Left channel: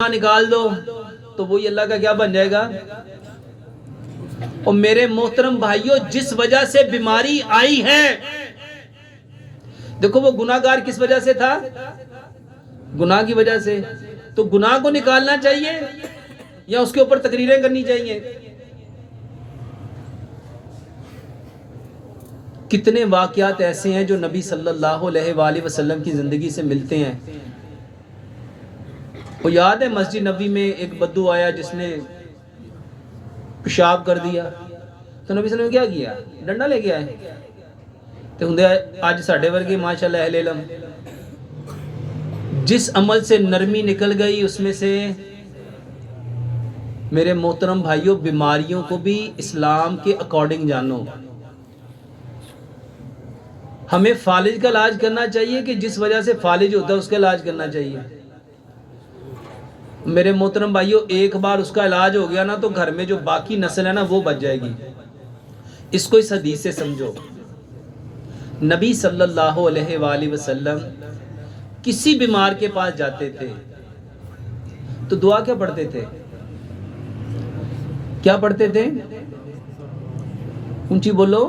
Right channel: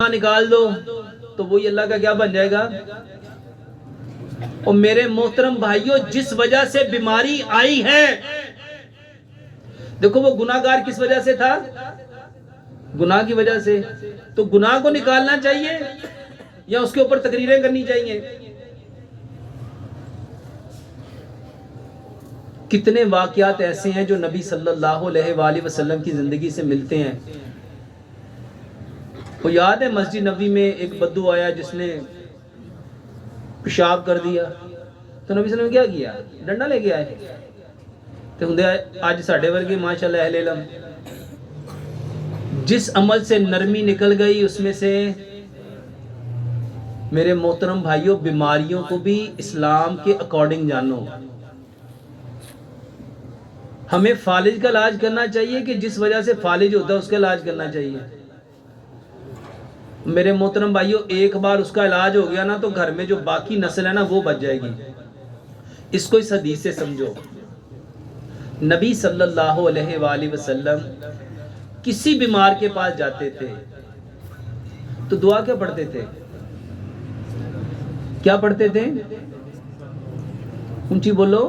निकाल दो तो वही अल्लाह का क्या बन जाएगा। और मेरे मोहतरम भाइयों, जिस वजह से बीमारी आई है, देखो वो गुनाहगार किस वजह से था, गुनाह की वजह से। तो गुनाह को निकालना चाहिए या उसके ऊपर तकरीरें करनी चाहिए। कितने वाकयात ऐसे हैं जो नबी सल्लल्लाहु अलैहि वसल्लम की जिंदगी से मिलते हैं। वो याद है मस्जिद नबी में एक बद्दू आया जिसने पेशाब कर दिया, तो नबी सल्लल्लाहु अलैहि वसल्लम ने क्या किया, डंडा लेके आए। तो हुंदे आज साढ़े वर्गे माशाल्लाह अहले इल्म, जिस अमल से नरमी निकल गई उसमें से मेरे मोहतरम भाइयों, बीमारियों को भी इस्लाम के अकॉर्डिंग जानो। हमें फालिज का इलाज करना चाहिए कि जिस वजह से फालिज होता है उसका इलाज करना चाहिए। मेरे मोहतरम भाइयों, एक बार उसका इलाज हो गया ना तो घर में जो बाकी नस्ल है ना वो बच जाएगी। इसको इस हदीस से समझो। नबी सल्लल्लाहु अलैहि वसल्लम किसी बीमार के पास जाते थे तो दुआ क्या पढ़ते थे, क्या पढ़ते थे, ऊंची बोलो,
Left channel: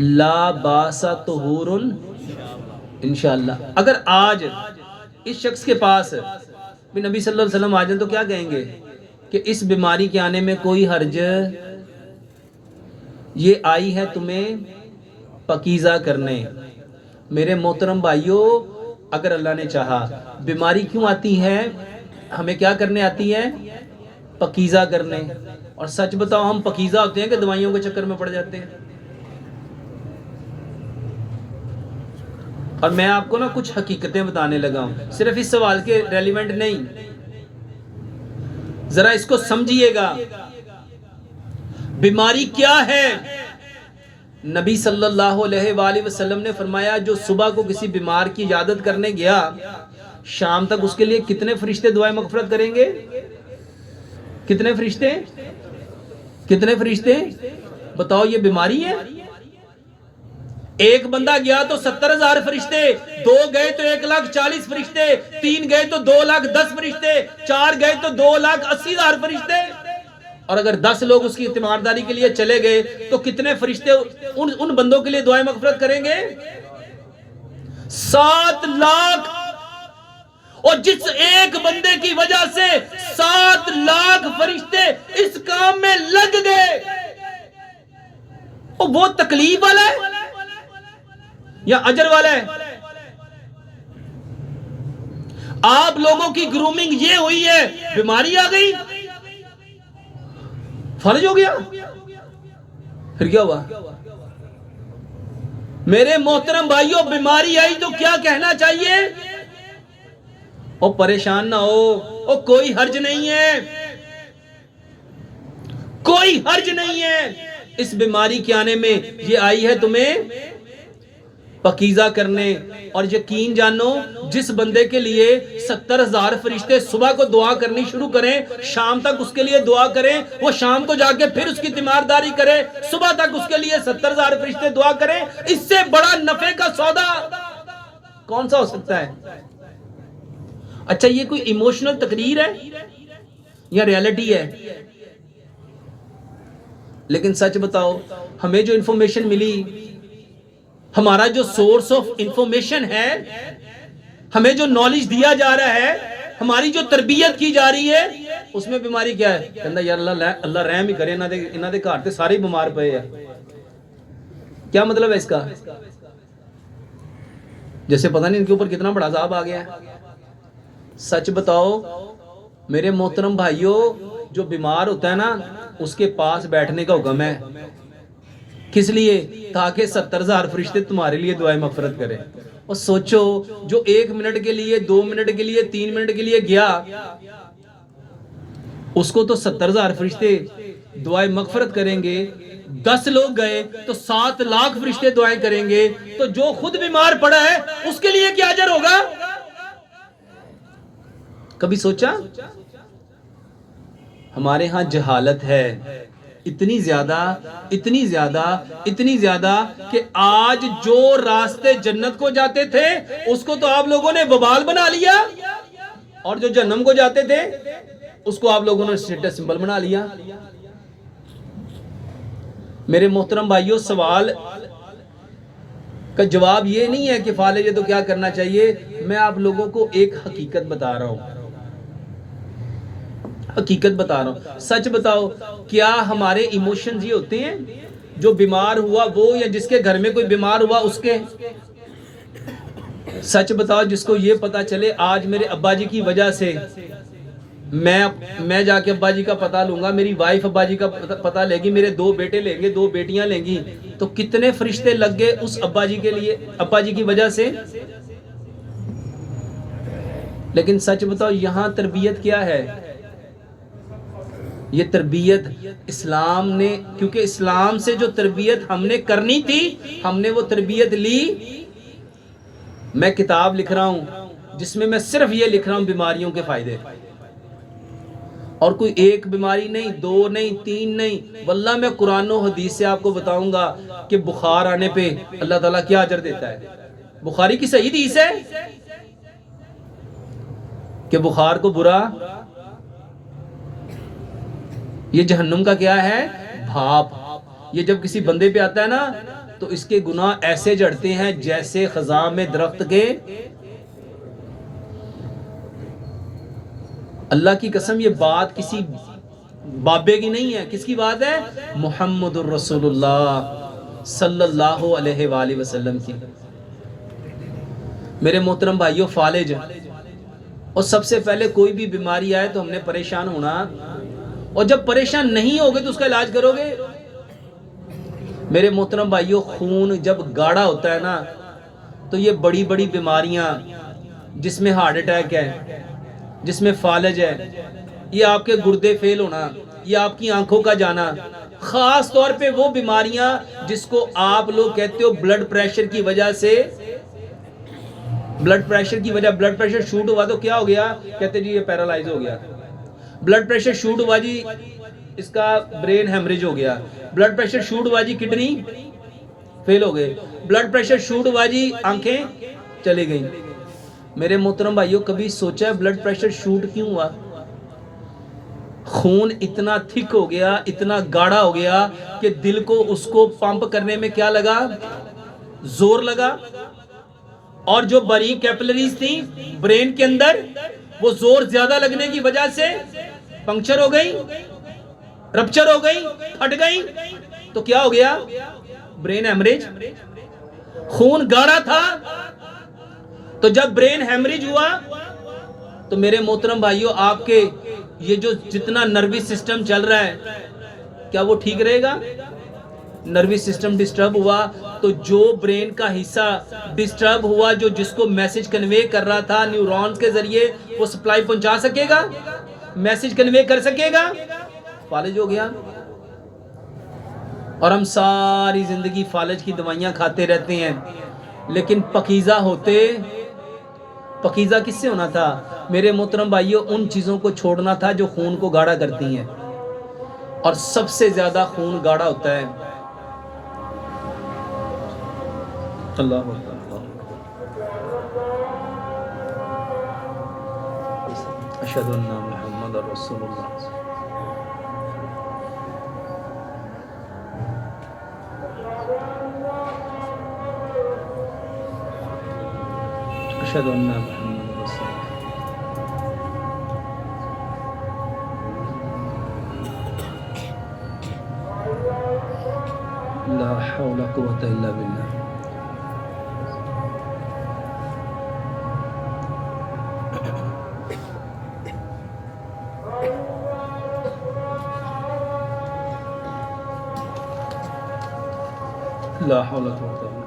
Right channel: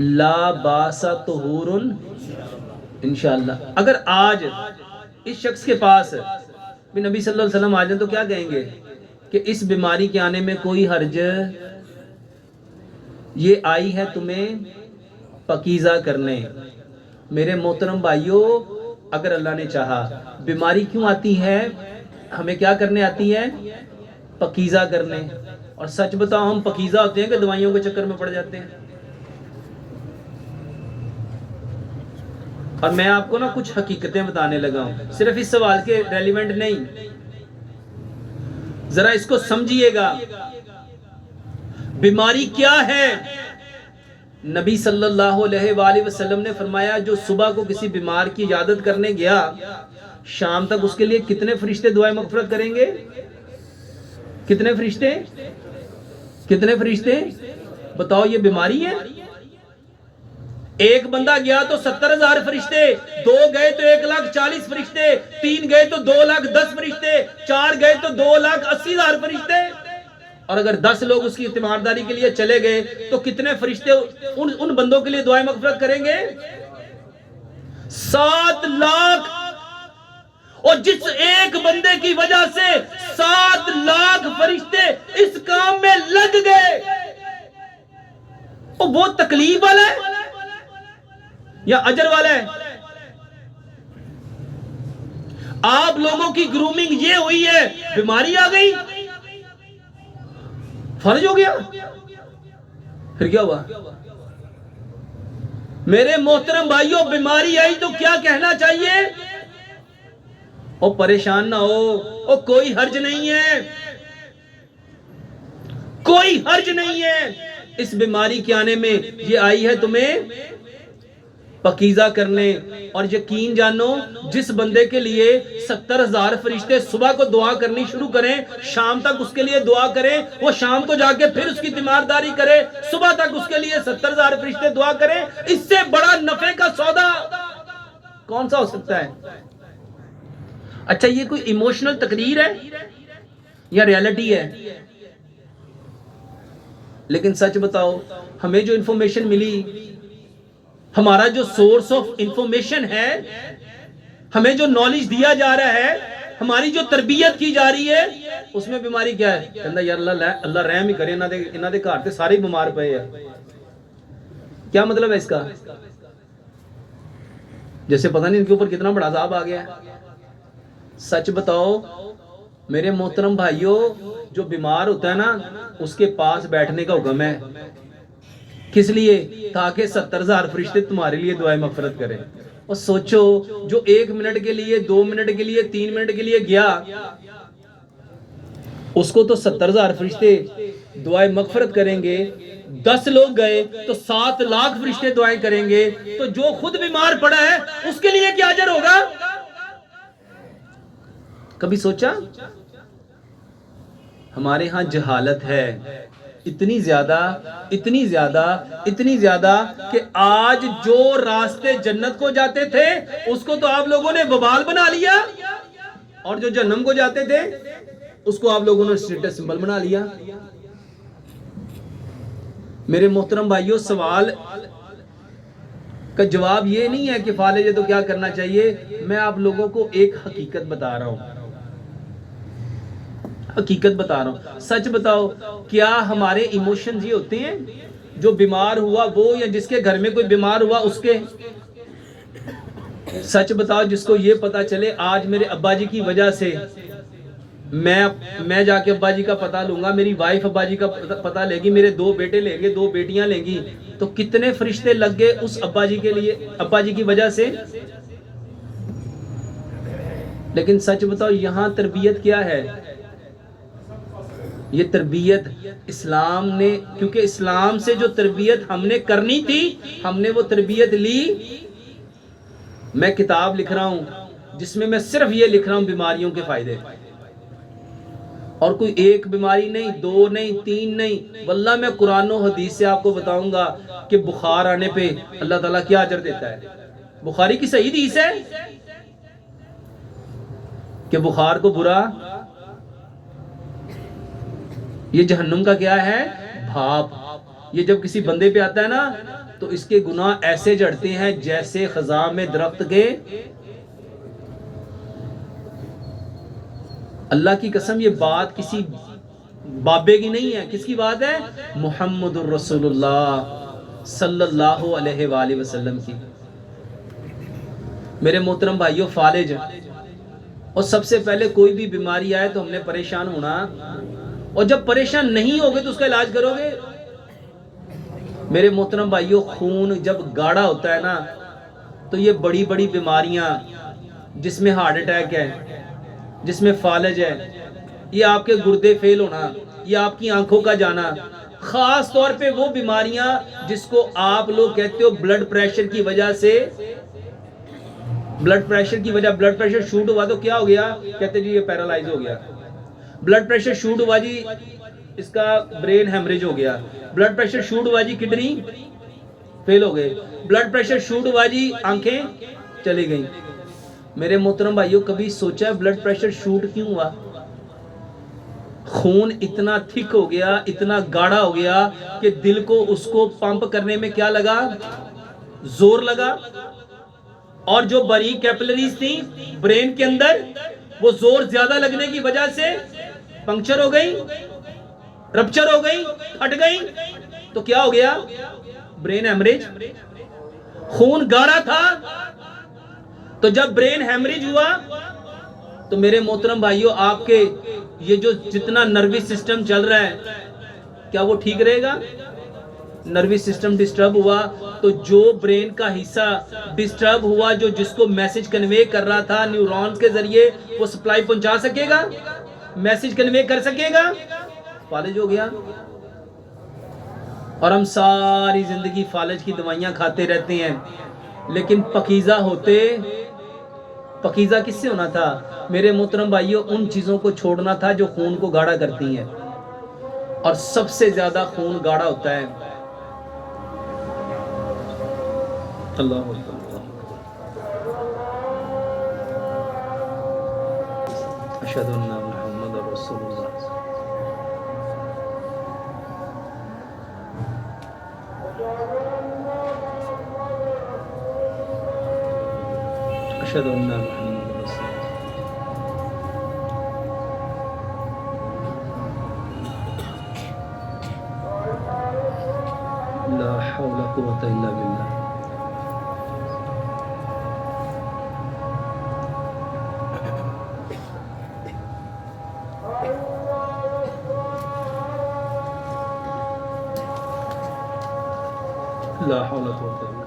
ला बासा तुहूरुन इंशाअल्लाह। अगर आज इस शख्स के पास भी नबी सल्लल्लाहु अलैहि वसल्लम आ जाए तो क्या कहेंगे कि इस बीमारी के आने में कोई हर्ज, ये आई है तुम्हें पकीज़ा करने। मेरे मोहतरम भाइयों, अगर अल्लाह ने चाहा, बीमारी क्यों आती है, हमें क्या करने आती है, पकीज़ा करने। और सच बताओ, हम पकीज़ा होते हैं कि दवाइयों के चक्कर में पड़ जाते हैं। और मैं आपको ना कुछ हकीकतें बताने लगा हूं, सिर्फ इस सवाल के रेलिवेंट नहीं, जरा इसको समझिएगा। बीमारी क्या है? नबी सल्लल्लाहु अलैहि वसल्लम ने फरमाया, जो सुबह को किसी बीमार की इजादत करने गया, शाम तक उसके लिए कितने फरिश्ते दुआए मगफिरत करेंगे? कितने फरिश्ते, कितने फरिश्ते बताओ, ये बीमारी है। एक बंदा गया तो 70,000 फरिश्ते, दो गए तो 1,40,000 फरिश्ते, तीन गए तो 2,10,000 फरिश्ते, चार गए तो 2,80,000 फरिश्ते। और अगर 10 लोग उसकी तीमारदारी के लिए चले गए तो कितने फरिश्ते उन बंदों के लिए दुआएं मगफिरत करेंगे? 7 लाख। और जिस एक बंदे की वजह से 7 लाख फरिश्ते इस काम में लग गए, वो तकलीफ वाला है या अजर वाला है? आप लोगों की ग्रूमिंग ये हुई है, बीमारी आ गई, फर्ज हो गया, फिर क्या हुआ? मेरे मोहतरम भाइयों, बीमारी आई तो क्या कहना चाहिए? ओ परेशान ना हो, ओ कोई हर्ज नहीं है, कोई हर्ज नहीं है। इस बीमारी के आने में ये आई है तुम्हें पकीज़ा करने। और यकीन जानो, जिस बंदे के लिए 70,000 फरिश्ते सुबह को दुआ करनी शुरू करें, शाम तक उसके लिए दुआ करें, वो शाम को जाके फिर उसकी तीमारदारी करे, सुबह तक उसके लिए 70,000 फरिश्ते दुआ करें, इससे बड़ा नफे का सौदा कौन सा हो सकता है? अच्छा, ये कोई इमोशनल तकरीर है या रियलिटी है? लेकिन सच बताओ, हमें जो इंफॉर्मेशन मिली, हमारा जो सोर्स ऑफ इंफॉर्मेशन है, हमें जो नॉलेज दिया जा रहा है, हमारी जो तरबियत की जा रही है, उसमें बीमारी क्या है? कहना यार अल्लाह रहम ही करे, इन्हां दे घर ते सारे बीमार पे हैं। क्या मतलब है इसका? जैसे पता नहीं इनके ऊपर कितना बड़ा अज़ाब आ गया है। सच बताओ मेरे मोहतरम भाइयों, जो बीमार होता है ना, उसके पास बैठने का हुक्म है। किस लिए? ताकि 70,000 फरिश्ते तुम्हारे लिए दुआएं मगफिरत करें। और सोचो, जो 1 मिनट के लिए, 2 मिनट के लिए, 3 मिनट के लिए गया, उसको तो 70,000 फरिश्ते दुआएं मगफिरत करेंगे। 10 लोग गए तो 7 लाख फरिश्ते दुआएं करेंगे। तो जो खुद बीमार पड़ा है उसके लिए क्या अजर होगा? कभी सोचा? हमारे यहां जहालत है इतनी ज्यादा, इतनी ज्यादा, इतनी ज्यादा कि आज जो रास्ते जन्नत को जाते थे उसको तो आप लोगों ने वबाल बना लिया। और जो जहन्नम को जाते थे उसको आप लोगों ने स्टेटस सिंबल बना लिया। मेरे मोहतरम भाइयों, सवाल का जवाब ये नहीं है कि फालिज है तो क्या करना चाहिए। मैं आप लोगों को एक हकीकत बता रहा हूं, हकीकत बता रहा हूं। सच बताओ, क्या हमारे इमोशंस ये होते हैं जो बीमार हुआ वो, या जिसके घर में कोई बीमार हुआ उसके? सच बताओ, जिसको ये पता चले आज मेरे अब्बा जी की वजह से मैं जाके अब्बा जी का पता लूंगा, मेरी वाइफ अब्बा जी का पता लेगी, मेरे 2 बेटे लेंगे, 2 बेटियां लेंगी, तो कितने फरिश्ते लग गए उस अब्बा जी के लिए, अब्बा जी की वजह से। लेकिन सच बताओ, यहां तरबियत क्या है? ये तरबियत इस्लाम ने, क्योंकि इस्लाम से जो तरबियत हमने करनी थी हमने वो तरबियत ली। मैं किताब लिख रहा हूं जिसमें मैं सिर्फ ये लिख रहा हूं बीमारियों के फायदे, और कोई एक बीमारी नहीं, 2 नहीं, 3 नहीं, वल्लाह मैं कुरान और हदीस से आपको बताऊंगा कि बुखार आने पे अल्लाह ताला क्या अजर देता है। बुखारी की सही हदीस है कि बुखार को बुरा, ये जहन्नुम का क्या है? भाप। ये जब किसी बंदे पे आता है ना तो इसके गुनाह ऐसे जड़ते हैं जैसे खजा में दरख्त के। अल्लाह की कसम, ये बात किसी बाबे की नहीं है। किसकी बात है? मुहम्मदुर रसूलुल्लाह सल्लल्लाहु अलैहि वसल्लम की। मेरे मोहतरम भाइयों, फालिज, और सबसे पहले कोई भी बीमारी आए तो हमने परेशान होना, और जब परेशान नहीं होगे तो उसका इलाज करोगे। मेरे मोहतरम भाइयों, खून जब गाढ़ा होता है ना तो ये बड़ी बड़ी बीमारियां, जिसमें हार्ट अटैक है, जिसमें फालिज है, ये आपके गुर्दे फेल होना, ये आपकी आंखों का जाना, खास तौर पे वो बीमारियां जिसको आप लोग कहते हो ब्लड प्रेशर की वजह से, ब्लड प्रेशर की वजह, ब्लड प्रेशर शूट हुआ तो क्या हो गया, कहते जी ये पैरालाइज हो गया। ब्लड प्रेशर शूट हुआ जी, इसका ब्रेन हेमरेज हो गया। ब्लड प्रेशर शूट हुआ जी, किडनी फेल हो गए। ब्लड प्रेशर शूट हुआ जी, आंखें चली गई। मेरे मोहतरम भाइयों, कभी सोचा है ब्लड प्रेशर शूट क्यों हुआ? खून इतना थिक हो गया, इतना गाढ़ा हो गया कि दिल को उसको पंप करने में क्या लगा? जोर लगा। और जो बारीक कैपिलरीज थी ब्रेन के अंदर, वो जोर ज्यादा लगने की वजह से पंक्चर हो गई, रप्चर हो गई, फट गई। तो क्या हो गया? Brain haemorrhage. खून गाढ़ा था तो जब ब्रेन हेमरेज हुआ तो मेरे मोहतरम भाइयों, आपके ये जो जितना नर्वस सिस्टम चल रहा है, क्या वो ठीक रहेगा? नर्वस सिस्टम डिस्टर्ब हुआ तो जो ब्रेन का हिस्सा डिस्टर्ब हुआ, जो जिसको मैसेज कन्वे कर रहा था न्यूरॉन्स के जरिए, वो सप्लाई पहुंचा सकेगा? मैसेज कन्वे कर सकेगा? फालिज हो गया। और हम सारी जिंदगी फालिज की दवाइयां खाते रहते हैं। लेकिन पकीजा होते, पकीजा किससे होना था? मेरे मोहतरम भाइयों, उन चीजों को छोड़ना था जो खून को गाढ़ा करती हैं। और सबसे ज्यादा खून गाढ़ा होता है अल्लाह। अशहदु अन्ना मुहम्मदुर रसूलुल्लाह। अशहदु अन्ना मुहम्मदुर रसूलुल्लाह। ला हौला कुव्वता इल्ला बिल्लाह। ला हौला कुव्वता इल्ला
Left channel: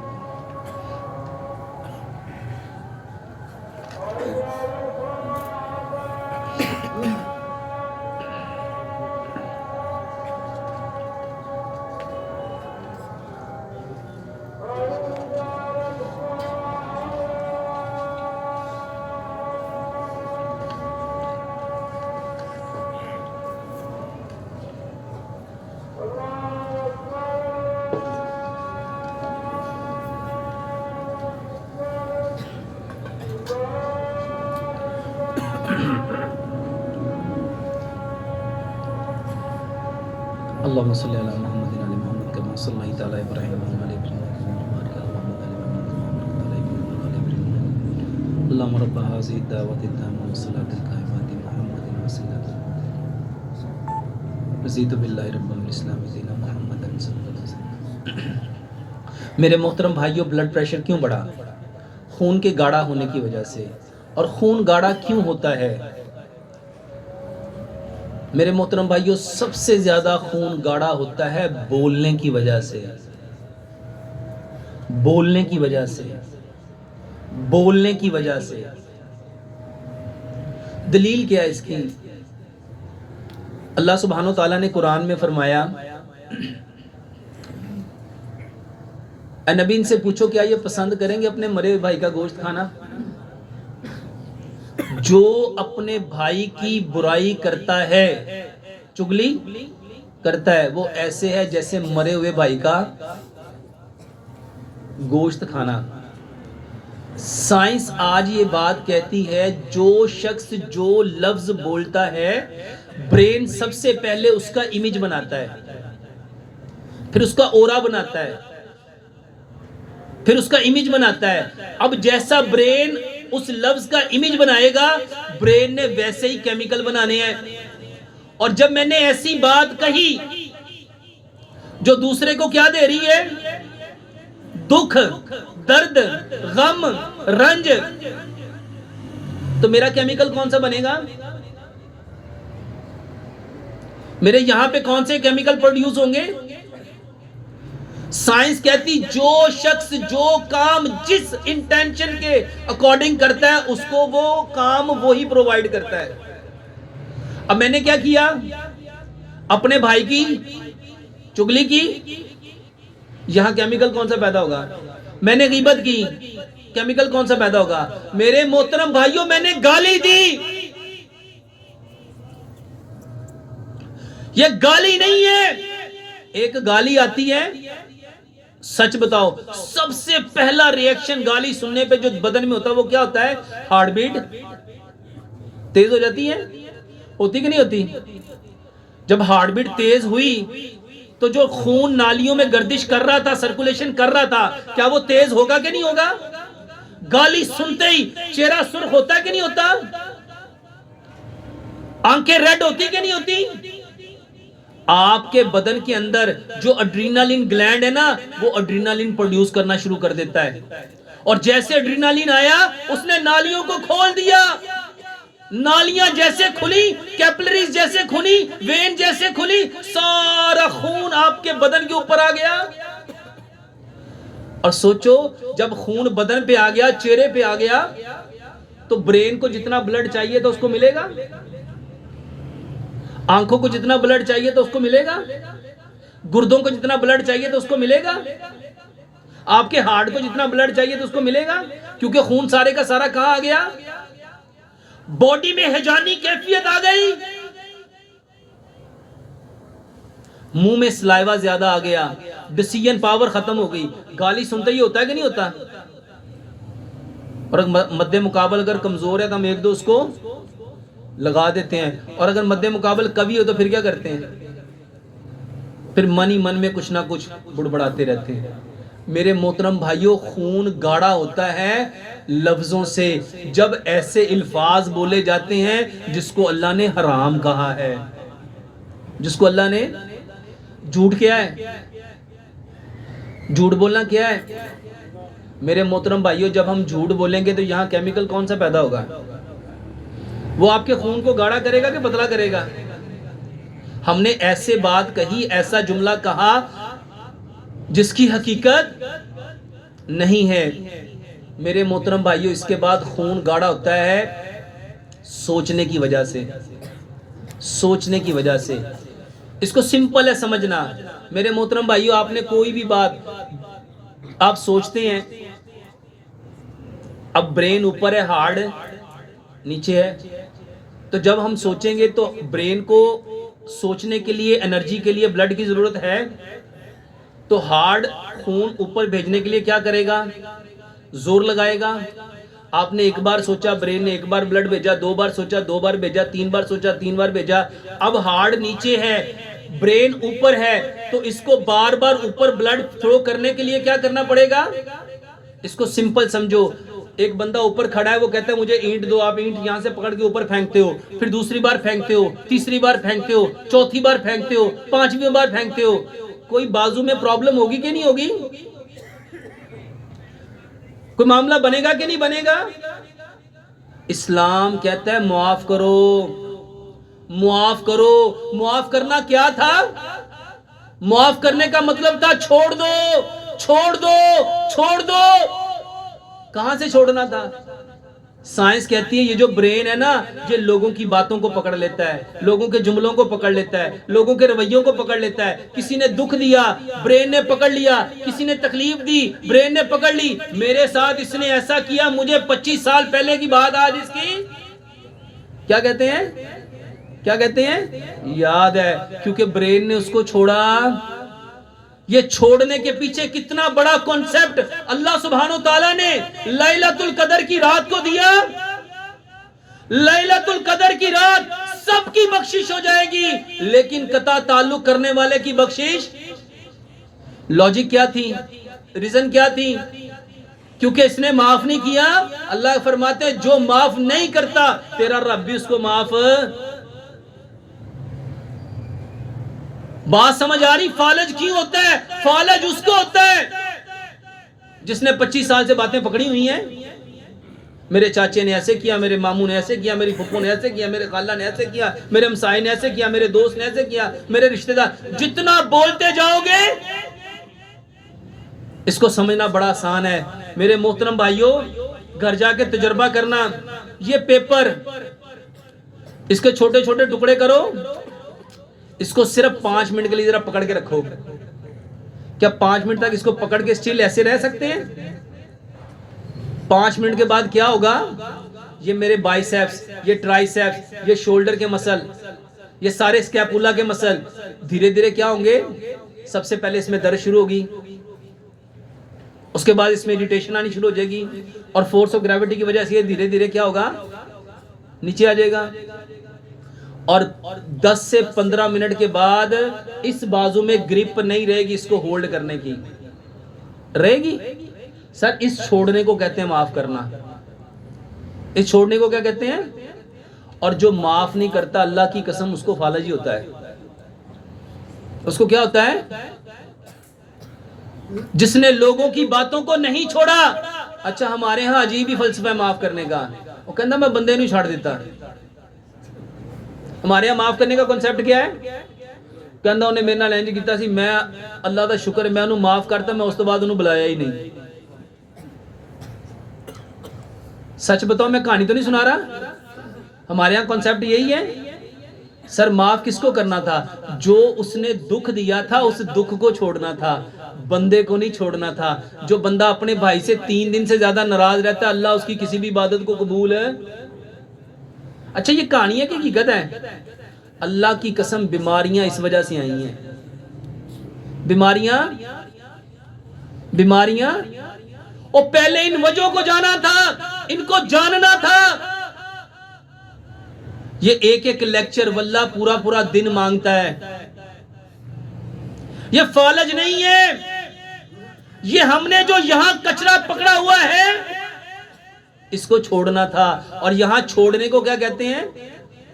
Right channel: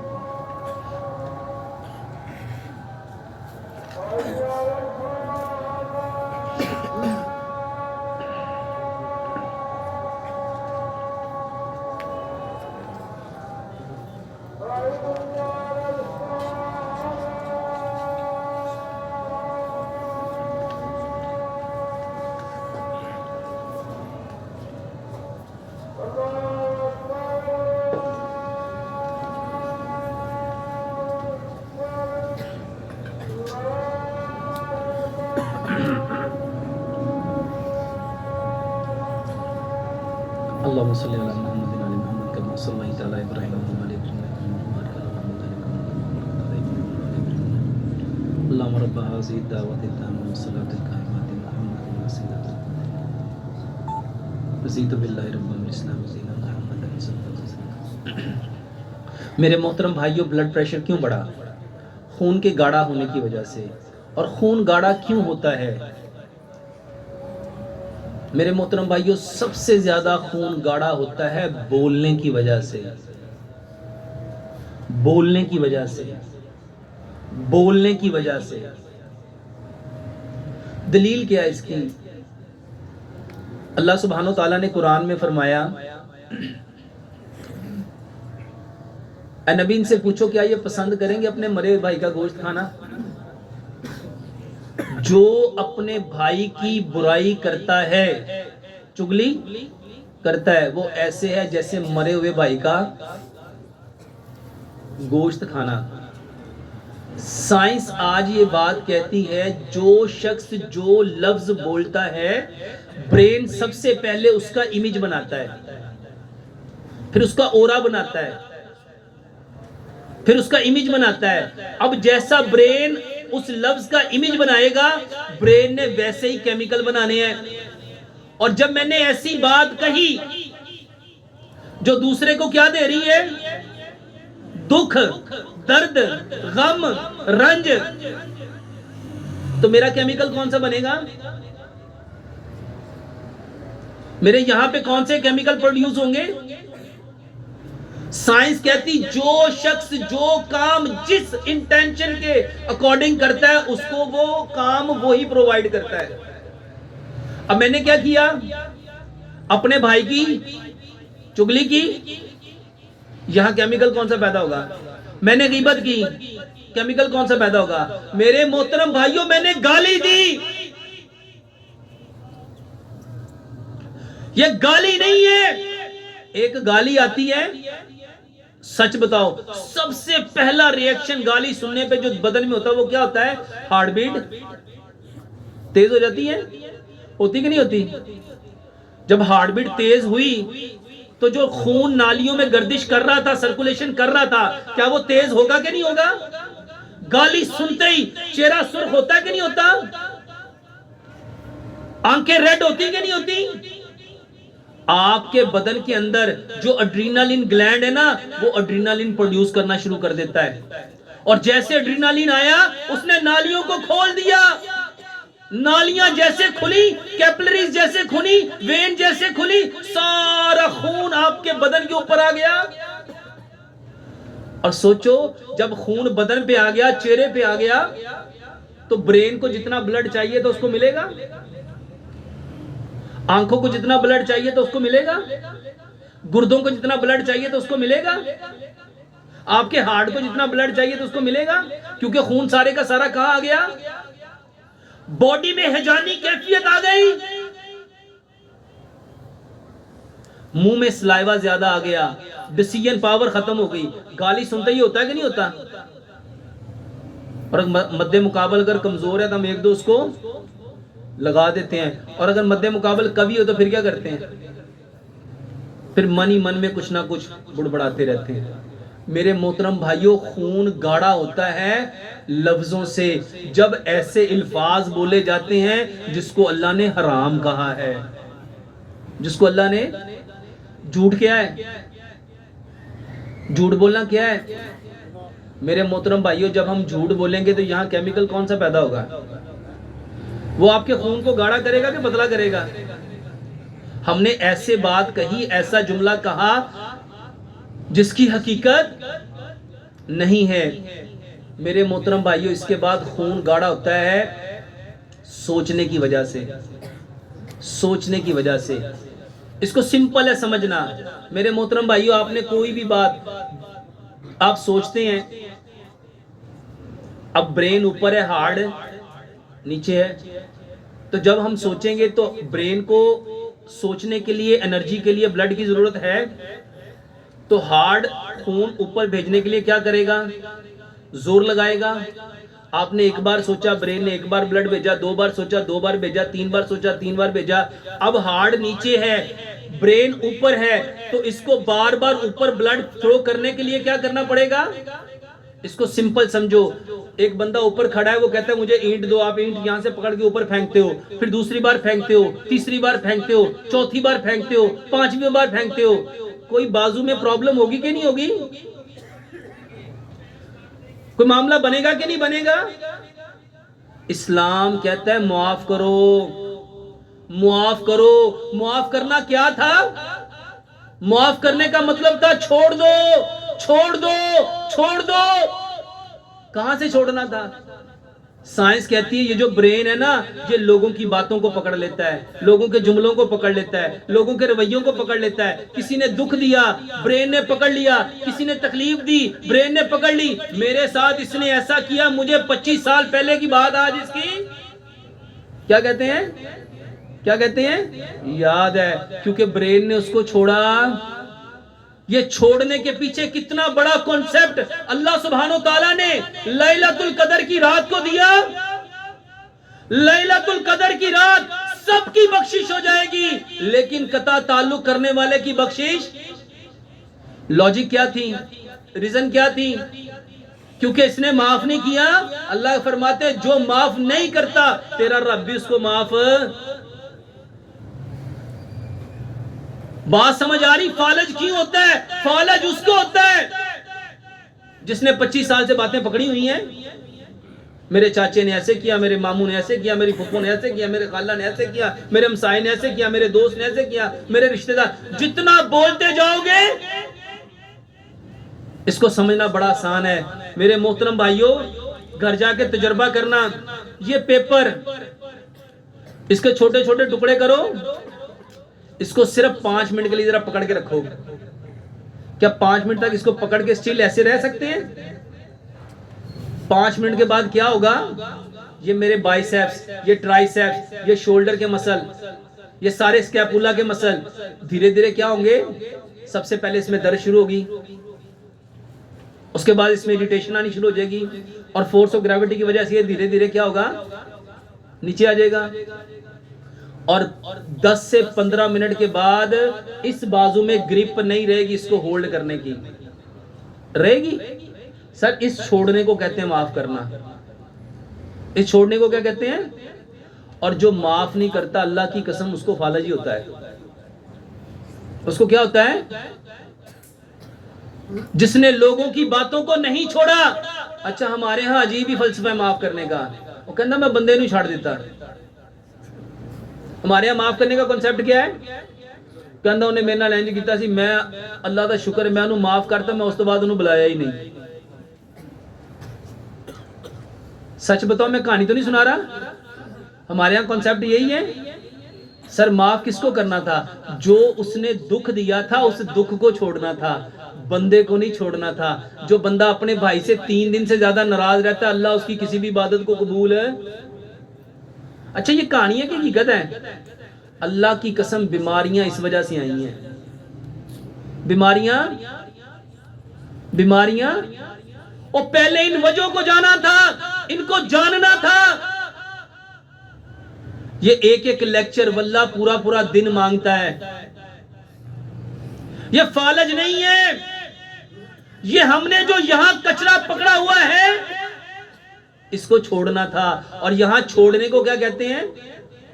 अल्लाहुम्मा सल्लि अला मुहम्मद व अला मुहम्मद कमा सल्लैता अला इब्राहीम व अला इब्राहीम अल्लाहुम्मा रब्ब हाज़िहि दावति ताम्मा व सलाति काइमति मुहम्मदिन वसीलतन रज़ीतु बिल्लाहि रब्बन व इस्लाम दीना मुहम्मदन सल्लल्लाहु अलैहि वसल्लम। मेरे मोहतरम भाइयों, ब्लड प्रेशर क्यों बढ़ा? खून के गाढ़ा होने की वजह से। और खून गाढ़ा क्यों होता है? मेरे मोहतरम भाइयों, सबसे ज्यादा खून गाढ़ा होता है बोलने की वजह से। बोलने की वजह से, बोलने की वजह से। दलील क्या है इसकी? अल्लाह सुब्हानो ताला ने कुरान में फरमाया, नबी इनसे पूछो क्या ये पसंद करेंगे अपने मरे हुए भाई का गोश्त खाना? जो अपने भाई की बुराई करता है, चुगली करता है, वो ऐसे है जैसे मरे हुए भाई का गोश्त खाना। साइंस आज ये बात कहती है, जो शख्स जो लफ्ज बोलता है, ब्रेन सबसे पहले उसका इमेज बनाता है, फिर उसका ओरा बनाता है, फिर उसका इमेज बनाता है। अब जैसा ब्रेन उस लफ्ज का इमेज बनाएगा, ब्रेन ने वैसे ही केमिकल बनाने हैं। और जब मैंने ऐसी बात कही जो दूसरे को क्या दे रही है? दुख, दर्द, गम, रंज, तो मेरा केमिकल कौन सा बनेगा? मेरे यहां पे कौन से केमिकल प्रोड्यूस होंगे? साइंस कहती जो शख्स जो काम जिस इंटेंशन के अकॉर्डिंग करता है, उसको वो काम वो ही प्रोवाइड करता है। अब मैंने क्या किया? अपने भाई की चुगली की, यहां केमिकल कौन सा पैदा होगा? मैंने गीबत की, केमिकल कौन सा पैदा होगा? मेरे मोहतरम भाइयों, मैंने गाली दी। यह गाली नहीं है। एक गाली आती है, सच बताओ, सबसे पहला रिएक्शन गाली सुनने पे जो बदन में होता है वो क्या होता है? हार्ट बीट तेज हो जाती है, होती कि नहीं होती? जब हार्ट बीट तेज हुई तो जो खून नालियों में गर्दिश कर रहा था, सर्कुलेशन कर रहा था, क्या वो तेज होगा कि नहीं होगा? गाली सुनते ही चेहरा सुर्ख होता है कि नहीं होता? आंखें रेड होती कि नहीं होती? आपके बदन के अंदर जो एड्रेनालिन ग्लैंड है ना, वो एड्रेनालिन प्रोड्यूस करना शुरू कर देता है। और जैसे एड्रेनालिन आया, उसने नालियों को खोल दिया। नालियां जैसे खुली, कैपिलरीज जैसे खुली, वेन जैसे खुली, सारा खून आपके बदन के ऊपर आ गया। और सोचो, जब खून बदन पे आ गया, चेहरे पे आ गया, तो ब्रेन को जितना ब्लड चाहिए तो उसको मिलेगा, आंखों को जितना ब्लड चाहिए तो उसको मिलेगा, गुर्दों को जितना ब्लड चाहिए तो उसको मिलेगा, आपके हार्ट को जितना ब्लड चाहिए तो उसको मिलेगा, क्योंकि खून सारे का सारा कहां आ गया? बॉडी में हैजानी कैफियत आ गई, मुंह में सलाइवा ज्यादा आ गया, डिसीजन पावर खत्म हो गई। गाली सुनते ही होता है कि नहीं होता? और मध्य मुकाबल अगर कमजोर है तो हम एक दो उसको लगा देते हैं, और अगर मध्य मुकाबल कवि हो तो फिर क्या करते हैं? फिर मन ही मन में कुछ ना कुछ बुड़बड़ाते रहते हैं। मेरे मोहतरम भाइयों, खून गाढ़ा होता है लफ्जों से। जब ऐसे अल्फाज बोले जाते हैं जिसको अल्लाह ने हराम कहा है, जिसको अल्लाह ने, झूठ क्या है? झूठ बोलना क्या है? मेरे मोहतरम भाइयों, जब हम झूठ बोलेंगे तो यहां केमिकल कौन सा पैदा होगा? वो आपके खून को गाढ़ा करेगा कि पतला करेगा? हमने ऐसे बात कही, ऐसा जुमला कहा जिसकी हकीकत नहीं है। मेरे मोहतरम भाइयों, इसके बाद खून गाढ़ा होता है सोचने की वजह से, सोचने की वजह से। इसको सिंपल है समझना। मेरे मोहतरम भाइयों, आपने कोई भी बात आप सोचते हैं, अब ब्रेन ऊपर है, हार्ट नीचे है, तो जब हम सोचेंगे तो ब्रेन को सोचने के लिए, एनर्जी के लिए ब्लड की जरूरत है, तो हार्ट खून ऊपर भेजने के लिए क्या करेगा? जोर लगाएगा। आपने एक बार सोचा, ब्रेन ने एक बार ब्लड भेजा, 2 बार सोचा, 2 बार भेजा, 3 बार सोचा, 3 बार भेजा। अब हार्ट नीचे है, ब्रेन ऊपर है, तो इसको बार बार ऊपर ब्लड थ्रो करने के लिए क्या करना पड़ेगा? इसको सिंपल समझो, एक बंदा ऊपर खड़ा है, वो कहता है मुझे ईंट दो, आप ईंट यहां से पकड़ के ऊपर फेंकते हो, फिर दूसरी बार फेंकते हो, तीसरी बार फेंकते हो, चौथी बार फेंकते हो, 5वीं बार फेंकते हो। कोई बाजू में प्रॉब्लम होगी कि नहीं होगी? कोई मामला बनेगा कि नहीं बनेगा? इस्लाम कहता है मुआफ करो, मुआफ करो। मुआफ करना क्या था? मुआफ करने का मतलब था छोड़ दो, छोड़ दो, छोड़ दो। कहां से छोड़ना था? साइंस कहती है ये जो ब्रेन है ना, ये लोगों की बातों को पकड़ लेता है, लोगों के जुमलों को पकड़ लेता है, लोगों के रवैयों को पकड़ लेता है। किसी ने दुख दिया, ब्रेन ने पकड़ लिया, किसी ने तकलीफ दी, ब्रेन ने पकड़ ली। मेरे साथ इसने ऐसा किया, मुझे 25 साल पहले की बात आज इसकी क्या कहते हैं, क्या कहते हैं, याद है, क्योंकि ब्रेन ने उसको छोड़ा। ये छोड़ने के पीछे कितना बड़ा कॉन्सेप्ट अल्लाह सुब्हानो ताला ने लैलतुल कदर की रात को दिया। लैलतुल कदर की रात सबकी बख्शिश हो जाएगी, लेकिन कता ताल्लुक करने वाले की बख्शिश। लॉजिक क्या थी, रीजन क्या थी? क्योंकि इसने माफ नहीं किया। अल्लाह फरमाते जो माफ नहीं करता तेरा रब भी उसको माफ। बात समझ आ रही? फालज क्यों होता है? फालज उसको होता है जिसने 25 साल से बातें पकड़ी हुई हैं। मेरे चाचे ने ऐसे किया, मेरे मामू ने ऐसे किया, मेरी फुफ्फो ने ऐसे किया, मेरे खाला ने ऐसे किया, मेरे हमसाये ने ऐसे किया, मेरे दोस्त ने ऐसे किया, मेरे रिश्तेदार। जितना बोलते जाओगे इसको समझना बड़ा आसान है। मेरे मोहतरम भाइयों, घर जाके तजुर्बा करना। ये पेपर, इसके छोटे छोटे टुकड़े करो, इसको सिर्फ 5 मिनट के लिए जरा पकड़ के रखो। क्या 5 मिनट तक इसको पकड़ के स्टिल ऐसे रह सकते हैं? 5 मिनट के बाद क्या होगा? ये मेरे बाइसेप्स, ये ट्राइसेप्स, ये शोल्डर के मसल, ये सारे स्कैपुला के मसल धीरे धीरे क्या होंगे? सबसे पहले इसमें दर्द शुरू होगी, उसके बाद इसमें इरिटेशन आनी शुरू हो जाएगी, और फोर्स ऑफ ग्रेविटी की वजह से ये धीरे धीरे क्या होगा? नीचे आ जाएगा। और 10 से 15 मिनट के बाद इस बाजू में ग्रिप नहीं रहेगी इसको होल्ड करने की। रहेगी? सर इस छोड़ने को कहते हैं माफ करना। इस छोड़ने को क्या कहते हैं? और जो माफ नहीं करता अल्लाह की कसम उसको फालजी होता है। उसको क्या होता है? जिसने लोगों की बातों को नहीं छोड़ा। अच्छा हमारे यहां अजीब ही फलसफा है माफ करने का। वो कहता मैं बंदे नहीं छाड़ देता। हमारे यहां माफ करने का कॉन्सेप्ट क्या है? कहता उन्हें मेरे नाल इंज कीता सी, मैं अल्लाह का शुक्र मैं उन्हें माफ करता, मैं उस तो बाद उन्हें बुलाया ही नहीं। सच बताओ, मैं कहानी तो नहीं सुना रहा। हमारे यहां कॉन्सेप्ट यही है। सर माफ किसको करना था? जो उसने दुख दिया था उस दुख को छोड़ना था, बंदे को नहीं छोड़ना था। जो बंदा अपने भाई से 3 दिन से ज्यादा नाराज रहता है, अल्लाह उसकी किसी भी इबादत को कबूल है। अच्छा ये कहानी है कि हकीकत है? अल्लाह की कसम बीमारियां इस वजह से आई हैं। बीमारियां बीमारियां और पहले इन वजहों को जाना था, इनको जानना था। ये एक एक लेक्चर वल्लाह पूरा पूरा दिन मांगता है। ये फालज नहीं है, ये हमने जो यहां कचरा पकड़ा हुआ है इसको छोड़ना था। और यहां छोड़ने को क्या कहते हैं?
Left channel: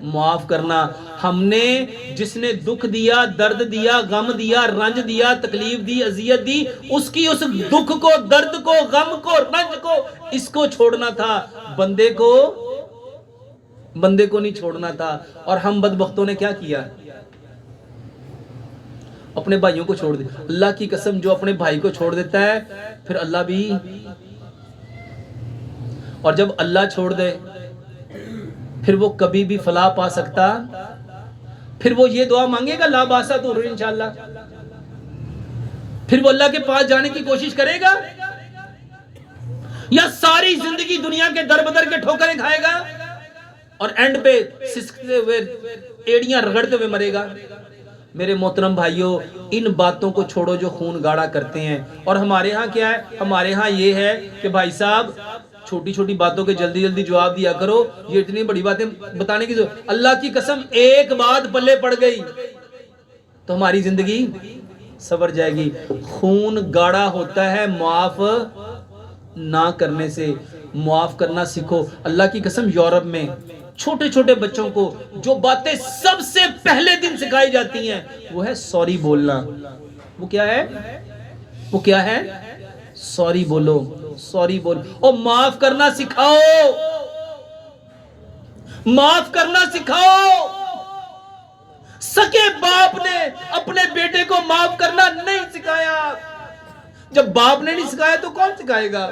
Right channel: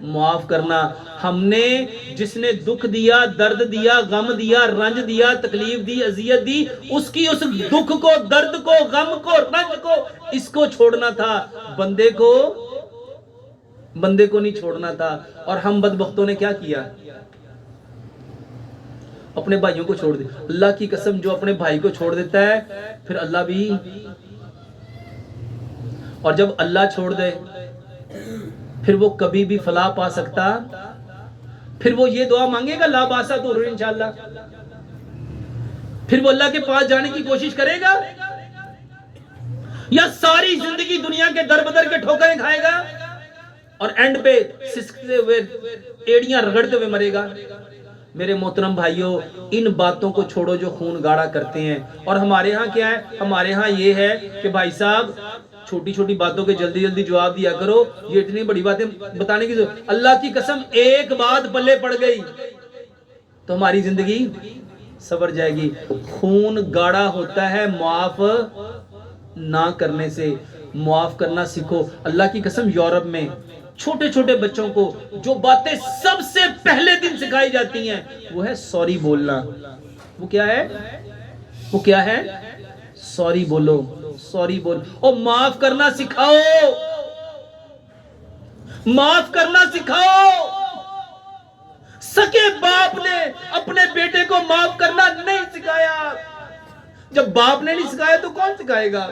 माफ करना। हमने जिसने दुख दिया, दर्द दिया, गम दिया, रंज दिया, तकलीफ दी, अजियत दी, उसकी उस दुख को, दर्द को, गम को, रंज को, इसको छोड़ना था। बंदे को नहीं छोड़ना था। और हम बदबख्तों ने क्या किया? अपने भाइयों को छोड़ दिया। अल्लाह की कसम जो अपने भाई को छोड़ देता है फिर अल्लाह भी, और जब अल्लाह छोड़ दे फिर वो कभी भी फलाह पा सकता। फिर वो ये दुआ मांगेगा ला बासा तो इंशाअल्लाह। फिर वो अल्लाह के पास जाने की कोशिश करेगा या सारी जिंदगी दुनिया के दर बदर के ठोकरें खाएगा और एंड पे सिसकते हुए, एड़ियां रगड़ते हुए मरेगा। मेरे मोहतरम भाइयों, इन बातों को छोड़ो जो खून गाढ़ा करते हैं। और हमारे यहाँ क्या है? हमारे यहाँ ये है कि भाई साहब छोटी छोटी बातों के जल्दी जल्दी जवाब दिया करो, ये इतनी बड़ी बातें बताने की जरूरत। अल्लाह की कसम एक बात पल्ले पड़ गई तो हमारी जिंदगी सवर जाएगी। खून गाढ़ा होता है माफ ना करने से। माफ करना सीखो। अल्लाह की कसम यूरोप में छोटे छोटे बच्चों को जो बातें सबसे पहले दिन सिखाई जाती हैं वो है सॉरी बोलना। वो क्या है? वो क्या है? सॉरी बोलो, सॉरी बोलो। और माफ करना सिखाओ, माफ करना सिखाओ। सके बाप ने अपने बेटे को माफ करना नहीं सिखाया। जब बाप ने नहीं सिखाया तो कौन सिखाएगा?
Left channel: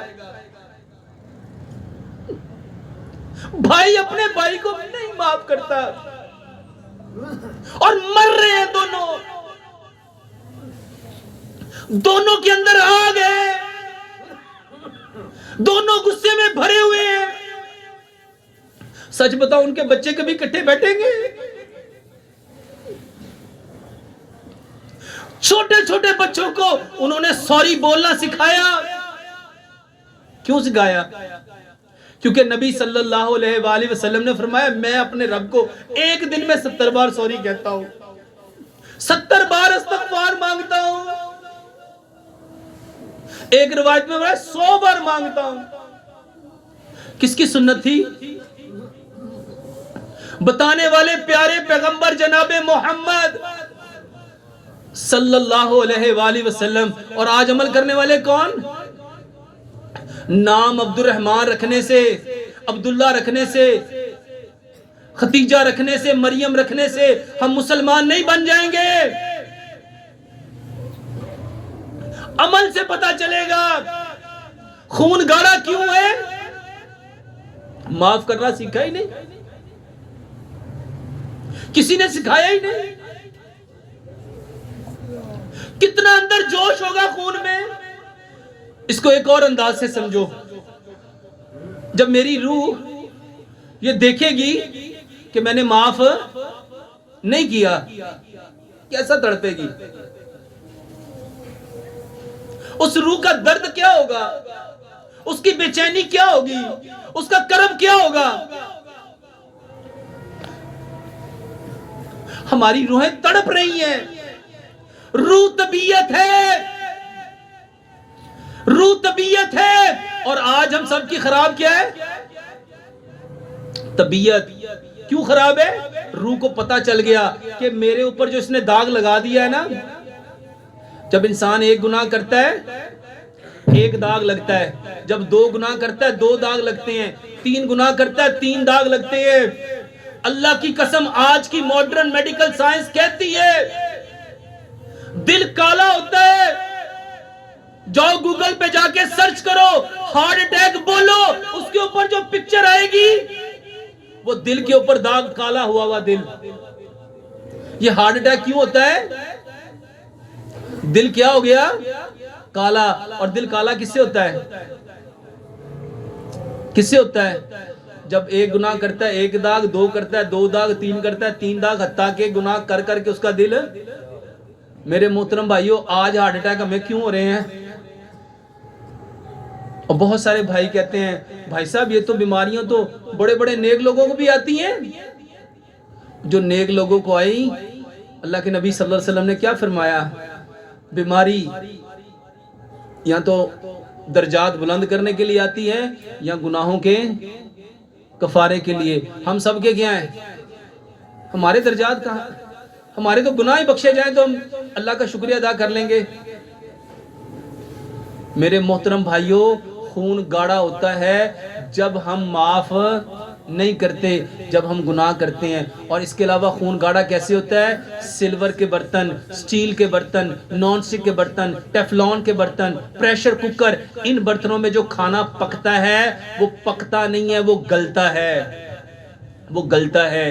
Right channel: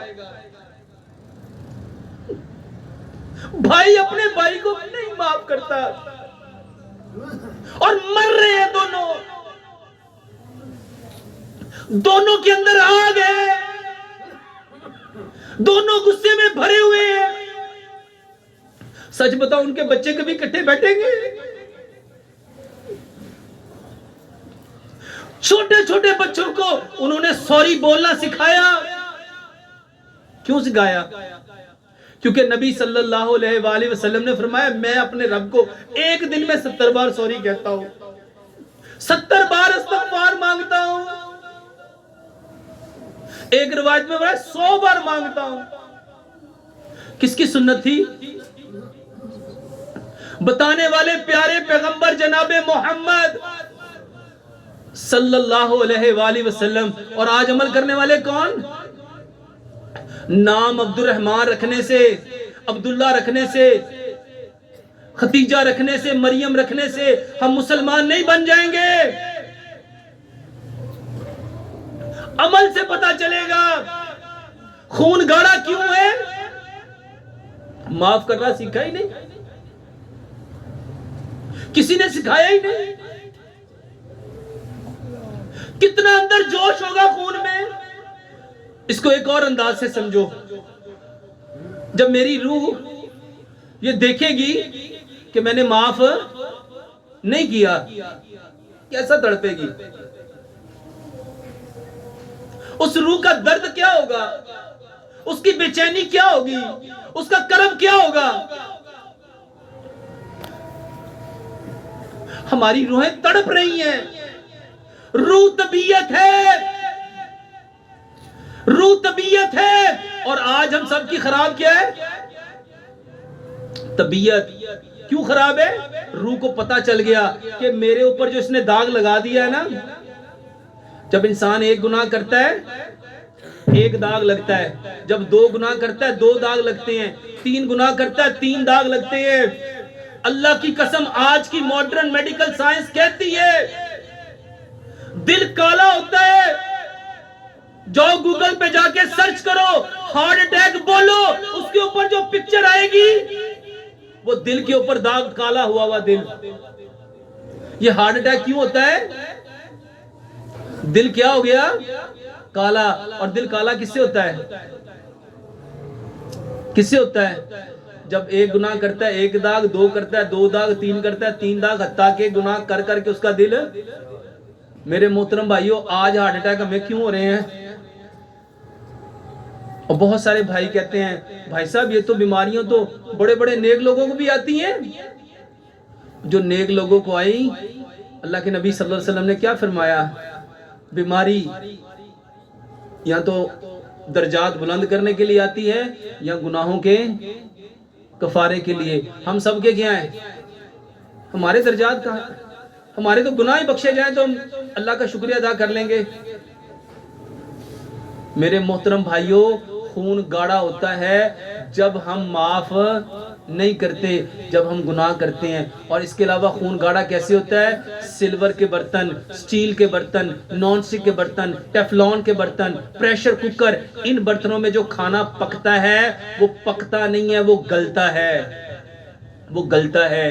भाई अपने भाई को नहीं माफ करता और मर रहे हैं दोनों, दोनों के अंदर आग है, दोनों गुस्से में भरे हुए हैं। सच बताओ उनके बच्चे कभी इकट्ठे बैठेंगे? छोटे छोटे बच्चों को उन्होंने सॉरी बोलना सिखाया। क्यों सिखाया? क्योंकि नबी सल्लल्लाहु अलैहि वसल्लम ने फरमाया मैं अपने रब को एक दिन में 70 बार सॉरी कहता हूं, 70 बार इस्तग़फ़ार मांगता हूं। एक रिवायत में बोला 100 बार मांगता हूं। किसकी सुन्नत थी? बताने वाले प्यारे पैगंबर जनाबे मोहम्मद सल्लल्लाहु अलैहि वसल्लम। और आज अमल करने वाले कौन? नाम अब्दुर्रहमान रखने से, अब्दुल्ला रखने से, खतीजा रखने से, मरियम रखने से हम मुसलमान नहीं बन जाएंगे। अमल से पता चलेगा खून गाढ़ा क्यों है। माफ करना सीखा ही नहीं, किसी ने सिखाया ही नहीं। कितना अंदर जोश होगा खून में। इसको एक और अंदाज से समझो। जब मेरी रूह ये देखेगी कि मैंने माफ नहीं किया, कैसा तड़पेगी? उस रूह का दर्द क्या होगा? उसकी बेचैनी क्या होगी? उसका कर्म क्या होगा? हमारी रूहें तड़प रही हैं। रूह तबीयत है, रूह तबीयत है। और आज हम सबकी खराब क्या है? तबीयत। क्यों खराब है? रूह को पता चल गया कि मेरे ऊपर जो इसने दाग लगा दिया है ना। जब इंसान एक गुनाह करता है एक दाग लगता है, जब 2 गुनाह करता है 2 दाग लगते हैं, 3 गुनाह करता है 3 दाग लगते हैं। अल्लाह की कसम आज की मॉडर्न मेडिकल साइंस कहती है दिल काला होता है। जाओ गूगल पे जाके सर्च करो, हार्ट अटैक बोलो, उसके ऊपर जो पिक्चर आएगी वो दिल के ऊपर दाग, काला हुआ हुआ दिल। ये हार्ट अटैक क्यों होता है? दिल क्या हो गया? काला। और दिल काला किससे होता है? किससे होता है? जब एक गुनाह करता है 1 दाग, 2 करता है 2 दाग, 3 करता है 3 दाग, हत्ता के गुनाह कर करके उसका दिल। मेरे मोहतरम भाइयों, आज हार्ट अटैक हमें क्यों हो रहे हैं? और बहुत सारे भाई कहते हैं भाई साहब ये तो बीमारियां तो बड़े बड़े नेक लोगों को भी आती हैं। जो नेक लोगों को आई, अल्लाह के नबी सल्लल्लाहु अलैहि वसल्लम ने क्या फरमाया? बीमारी या तो दर्जात बुलंद करने के लिए आती है या गुनाहों के कफारे के लिए। हम सब के क्या हैं? हमारे दर्जात कहाँ? हमारे तो गुनाह ही बख्शे जाएं तो हम अल्लाह का शुक्रिया अदा कर लेंगे। मेरे मोहतरम भाइयों, खून गाढ़ा होता है जब हम माफ नहीं करते, जब हम गुनाह करते हैं। और इसके अलावा खून गाढ़ा कैसे होता है? सिल्वर के बर्तन, स्टील के बर्तन, नॉन स्टिक के बर्तन, टेफलॉन के बर्तन, प्रेशर कुकर, इन बर्तनों में जो खाना पकता है वो पकता नहीं है, वो गलता है। वो गलता है।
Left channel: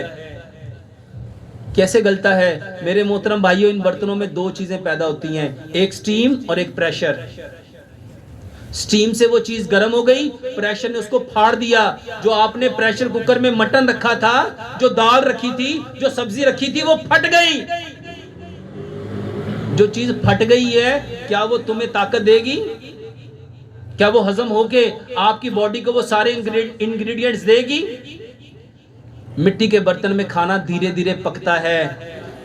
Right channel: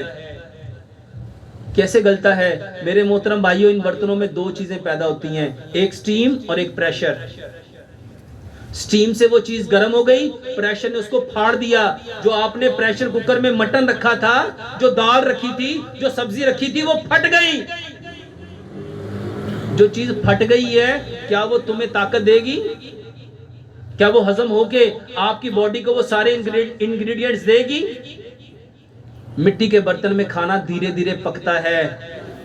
कैसे गलता है? मेरे मोहतरम भाइयों, इन बर्तनों में 2 चीजें पैदा होती हैं, एक स्टीम और एक प्रेशर। स्टीम से वो चीज गर्म हो गई, प्रेशर ने उसको फाड़ दिया। जो आपने प्रेशर कुकर में मटन रखा था, जो दाल रखी थी, जो सब्जी रखी थी, वो फट गई। जो चीज फट गई है क्या वो तुम्हें ताकत देगी? क्या वो हजम होके आपकी बॉडी को वो सारे इंग्रेडिएंट्स देगी? मिट्टी के बर्तन में खाना धीरे धीरे पकता है,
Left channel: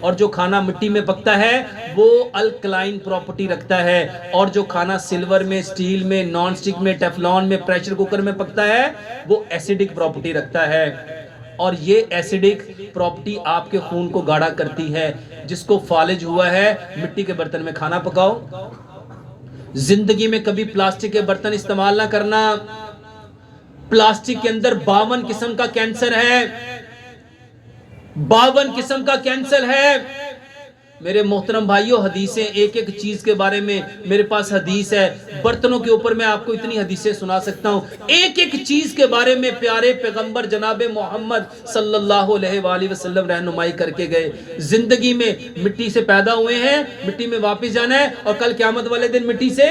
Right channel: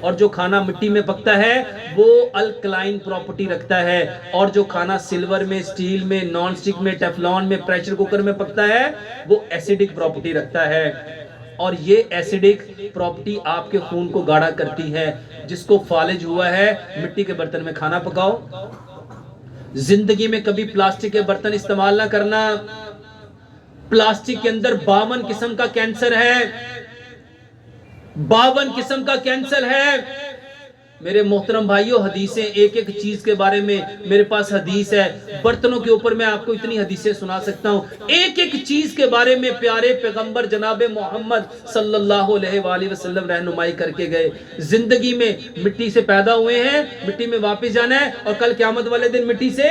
और जो खाना मिट्टी में पकता है वो अल्कलाइन प्रॉपर्टी रखता है, और जो खाना सिल्वर में, स्टील में, नॉन स्टिक में, टेफलॉन में, प्रेशर कुकर में पकता है वो एसिडिक प्रॉपर्टी रखता है। और ये एसिडिक प्रॉपर्टी आपके खून को गाढ़ा करती है। जिसको फालिज हुआ है, मिट्टी के बर्तन में खाना पकाओ। जिंदगी में कभी प्लास्टिक के बर्तन इस्तेमाल ना करना। प्लास्टिक के अंदर 52 किस्म का कैंसर है, 52 किस्म का कैंसर है। मेरे मोहतरम भाइयों, हदीसें, एक एक चीज के बारे में मेरे पास हदीस है। बर्तनों के ऊपर मैं आपको इतनी हदीसें सुना सकता हूं। एक एक चीज के बारे में प्यारे पैगंबर जनाब मोहम्मद सल्लल्लाहु अलैहि वसल्लम रहनुमाई करके गए। जिंदगी में मिट्टी से पैदा हुए हैं, मिट्टी में वापस जाना है, और कल क़यामत वाले दिन मिट्टी से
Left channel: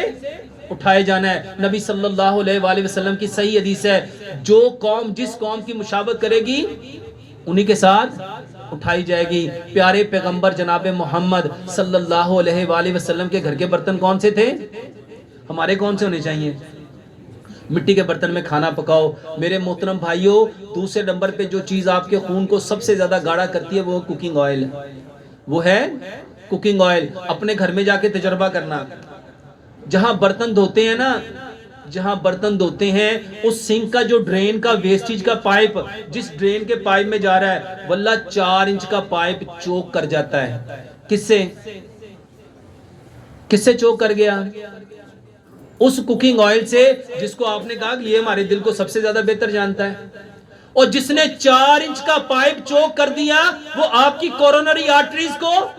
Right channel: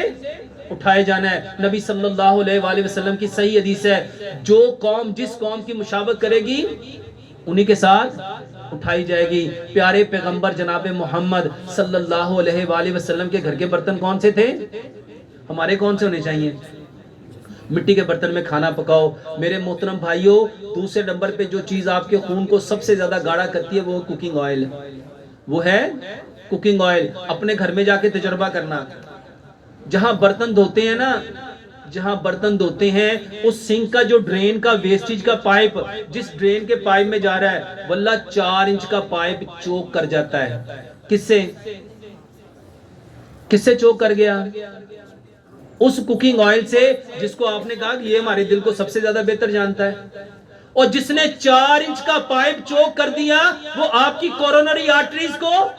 उठाए जाना है। नबी सल्लल्लाहु अलैहि वसल्लम की सही हदीस है, जो कौम जिस कौम की मुशाबत करेगी उन्हीं के साथ उठाई जाएगी। प्यारे पैगंबर जनाब मोहम्मद सल्लल्लाहु अलैहि वसल्लम के घर के बर्तन कौन से थे? हमारे कौन से होने चाहिए? मिट्टी के बर्तन में खाना पकाओ। मेरे मोहतरम भाइयों, दूसरे नंबर पे जो चीज आपके खून को सबसे ज्यादा गाढ़ा करती है वो कुकिंग ऑयल, वो है कुकिंग ऑयल। अपने घर में जाके तजर्बा करना, जहां बर्तन धोते हैं ना, जहां बर्तन धोते हैं उस सिंक का जो ड्रेन का वेस्टेज का पाइप जिस ड्रेन के पाइप में जा रहा है, वल्ला 4 इंच का पाइप चोक कर जाता है। किससे किससे चोक कर गया? उस कुकिंग ऑयल से, जिसको आपने कहा कि ये हमारे दिल को सबसे ज्यादा बेहतर जानता है। और जिसने 4 इंच का पाइप चोक कर दिया, वो आपकी कोरोनरी आर्टरीज को,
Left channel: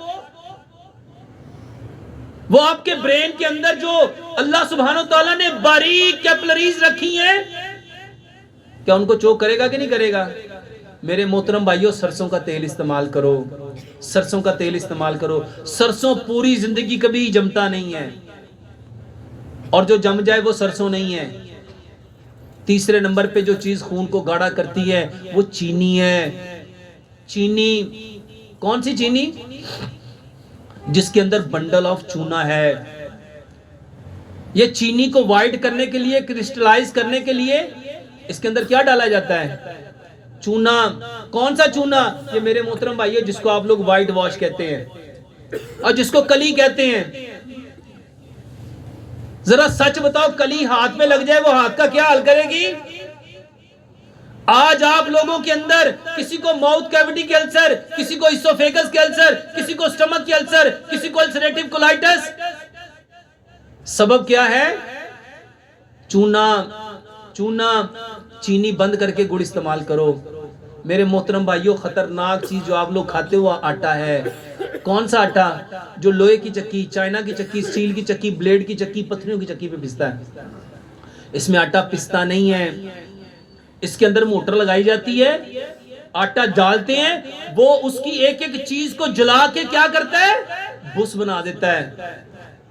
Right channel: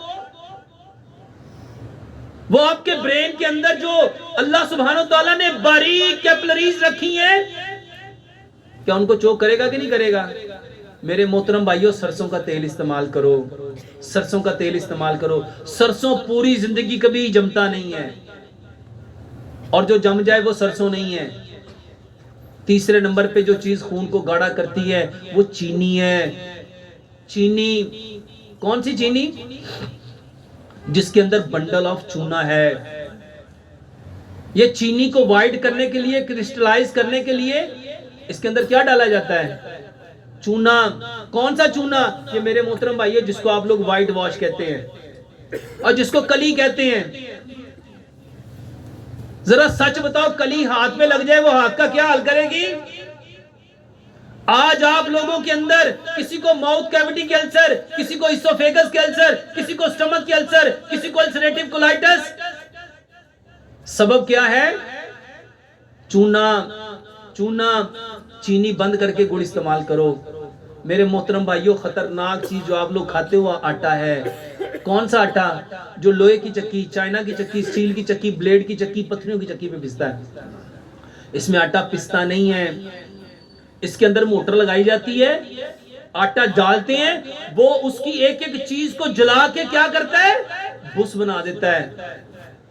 वो आपके ब्रेन के अंदर जो अल्लाह सुब्हानो तआला ने बारीक कैपिलरीज रखी हैं, क्या उनको चोक करेगा कि नहीं करेगा? मेरे मोहतरम भाइयों, सरसों का तेल इस्तेमाल करो, सरसों का तेल इस्तेमाल करो। सरसों पूरी जिंदगी कभी जमता नहीं है, और जो जम जाए वो सरसों नहीं है। तीसरे नंबर पे जो चीज खून को गाढ़ा करती है वो चीनी है। चीनी, कौन सी चीनी? जिसके अंदर बंडल ऑफ चूना है। ये चीनी को वाइट करने के लिए, क्रिस्टलाइज करने के लिए इसके अंदर क्या डाला जाता है? चूना। कौन सा चूना? ये मेरे मोहतरम भाई है, जिसको आप लोग व्हाइट वॉश कहते हैं और जिसको कली कहते हैं। जरा सच बताओ, कली हाथ में लग जाए वो हाथ का क्या हाल करेगी? आज आप लोगों के अंदर किसी को माउथ कैविटी कैंसर, किसी को इसोफेगस कैंसर, किसी को स्टमक कैंसर, किसी को अल्सरेटिव कोलाइटिस। सबब क्या है? चूना। चूना। चीनी बंद करके गुड़ इस्तेमाल करो। मेरे मोहतरम भाइयों, खतरनाक चीज जो आप लोग खाते हो आटा है। कौन सा आटा? जो लोहे की चक्की, चाइना की चक्की, स्टील की चक्की, ब्लेड की चक्की, पत्थरों की चक्की पे पिसता है। इसमें आटा पिसता नहीं है, इसके अंदर मोटर लगाई जाती है, आटा डालते हैं, वो उसकी एक एक चीज को जला के क्या करता है? भूस बना देता है।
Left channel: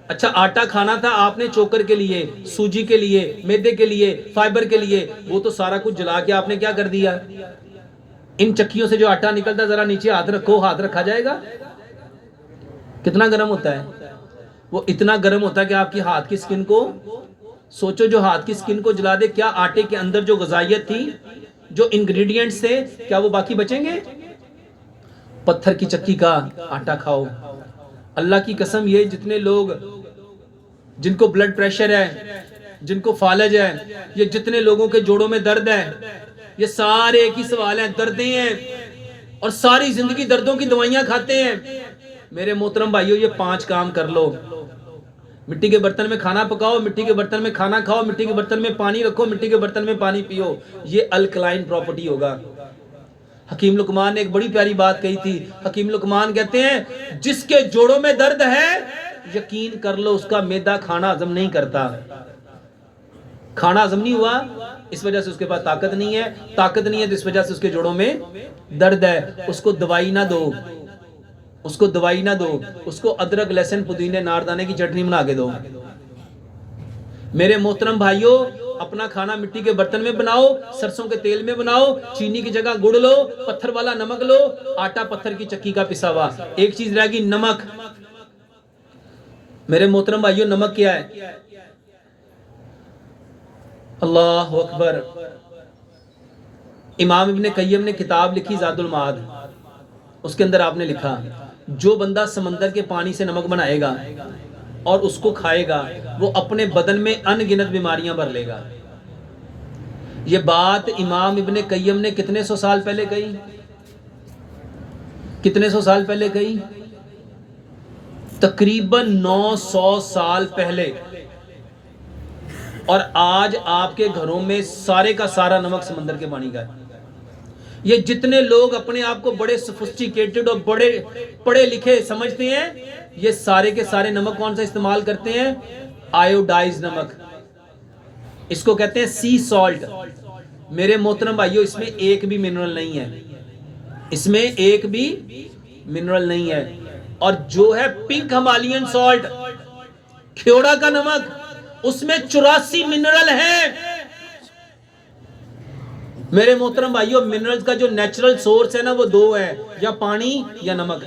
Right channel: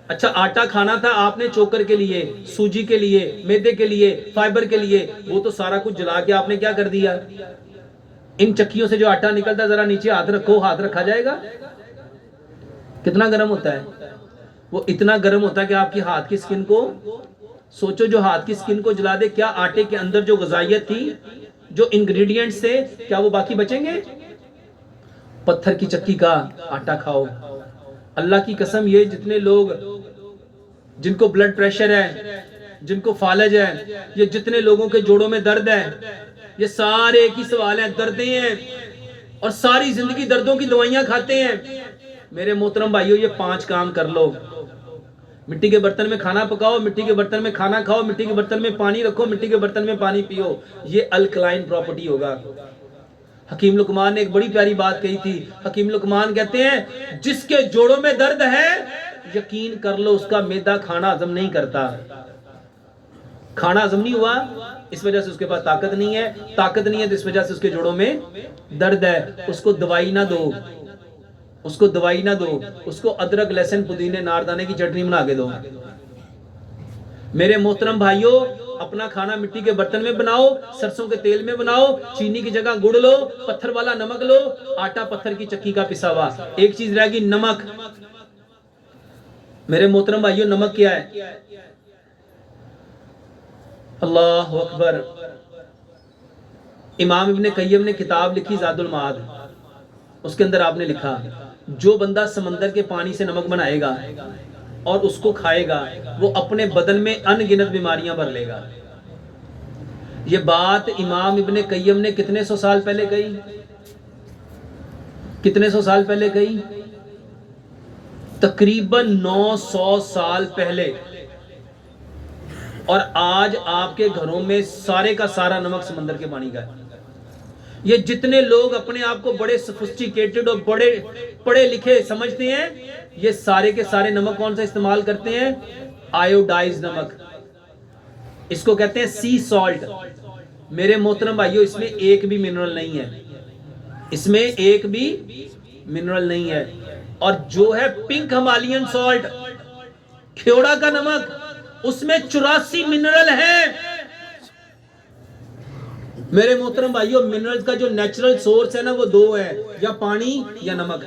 अच्छा, आटा खाना था आपने चोकर के लिए, सूजी के लिए, मैदे के लिए, फाइबर के लिए, वो तो सारा कुछ जला के आपने क्या कर दिया? इन चक्कियों से जो आटा निकलता है, जरा नीचे हाथ रखो, हाथ रखा जाएगा? कितना गर्म होता है वो? इतना गर्म होता है कि आपकी हाथ की स्किन को, सोचो, जो हाथ की स्किन को जला दे, क्या आटे के अंदर जो ग़िज़ाइयत थी, जो इंग्रेडिएंट्स थे, क्या वो बाकी बचेंगे? पत्थर की चक्की का आटा खाओ। अल्लाह की कसम, ये जितने लोग जिनको ब्लड प्रेशर है, जिनको फालज है, ये जितने लोगों के जोड़ों में दर्द है, ये सारे एक ही सवाल है, दर्दें हैं, और सारी जिंदगी दर्दों की दवाइयां खाते हैं। मेरे मोहतरम भाइयों, ये 5 काम कर लो। मिट्टी के बर्तन में खाना पकाओ, मिट्टी के बर्तन में खाना खाओ, मिट्टी के बर्तन में पानी रखो, मिट्टी के बर्तन में पानी पियो। ये अल्कलाइन प्रॉपर्टी होगा। हकीम लुकमान ने एक बड़ी प्यारी बात कही थी। हकीम लुकमान कहते हैं, जिसके जोड़ों में दर्द है, यकीन कर लो उसका मैदा खाना हजम नहीं करता। खाना हजम नहीं हुआ, इस वजह से उसके पास ताकत नहीं है, ताकत नहीं है तो इस वजह से उसके जोड़ों में दर्द है। उसको दवाई ना दो, उसको दवाई ना दो, उसको अदरक, लहसुन, पुदीने, नारदाने की चटनी बना के दो। मेरे मोहतरम भाइयों, अपना खाना मिट्टी के बर्तन में बनाओ, सरसों के तेल में बनाओ, चीनी की जगह गुड़ लो, पत्थर वाला नमक लो, आटा पत्थर की चक्की का पिसा हुआ। एक चीज रहेगी, नमक। मेरे मोहतरम भाइयों, नमक क्या है? अल्लाह अकबर। इमाम इब्ने कय्यम ने किताब लिखी ज़ादुल माद, उसके अंदर आपने लिखा जो बंदा समंदर के पानी से नमक बनाएगा और उसको खाएगा वो अपने बदन में अनगिनत बीमारियां भर लेगा। ये बात इमाम इब्ने कय्यम ने कितने सौ साल पहले कही? कितने सौ साल पहले कही? तकरीबन 900 साल पहले। और आज आपके घरों में सारे का सारा नमक समंदर के पानी का है। ये जितने लोग अपने आप को बड़े सोफिस्टिकेटेड और बड़े पढ़े लिखे समझते हैं, ये सारे के सारे नमक कौन सा इस्तेमाल करते हैं? आयोडाइज नमक। इसको कहते हैं सी सॉल्ट। मेरे मोहतरम भाइयों, इसमें एक भी मिनरल नहीं है, इसमें एक भी मिनरल नहीं है। और जो है पिंक हिमालयन सॉल्ट, ख्योड़ा का नमक, उसमें 84 मिनरल है। मेरे मोहतरम भाइयों, मिनरल्स का जो नेचुरल सोर्स है ना वो दो है, या पानी या नमक।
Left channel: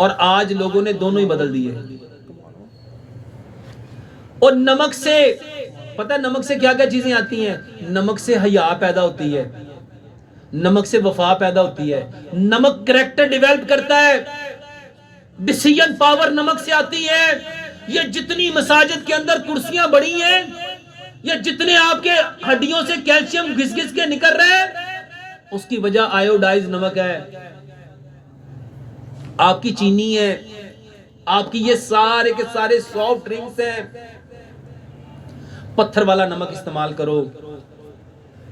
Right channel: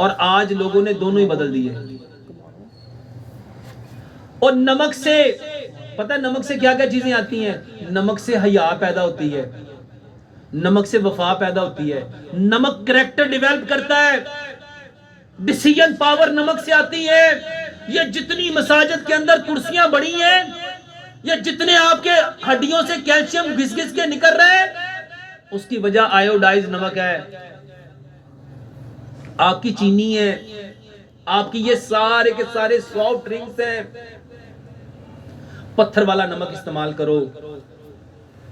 और आज लोगों ने दोनों ही बदल दिए। और नमक से पता है नमक से क्या क्या चीजें आती हैं? नमक से हया पैदा होती है, नमक से वफा पैदा होती है, नमक कैरेक्टर डेवलप करता है, डिसीजन पावर नमक से आती है। ये जितनी मसाजिद के अंदर कुर्सियां बड़ी हैं, ये जितने आपके हड्डियों से कैल्शियम घिस घिस के निकल रहे हैं, उसकी वजह आयोडाइज नमक है, आपकी चीनी है, आपकी ये सारे के सारे सॉफ्ट ड्रिंक्स हैं। पत्थर वाला नमक इस्तेमाल करो।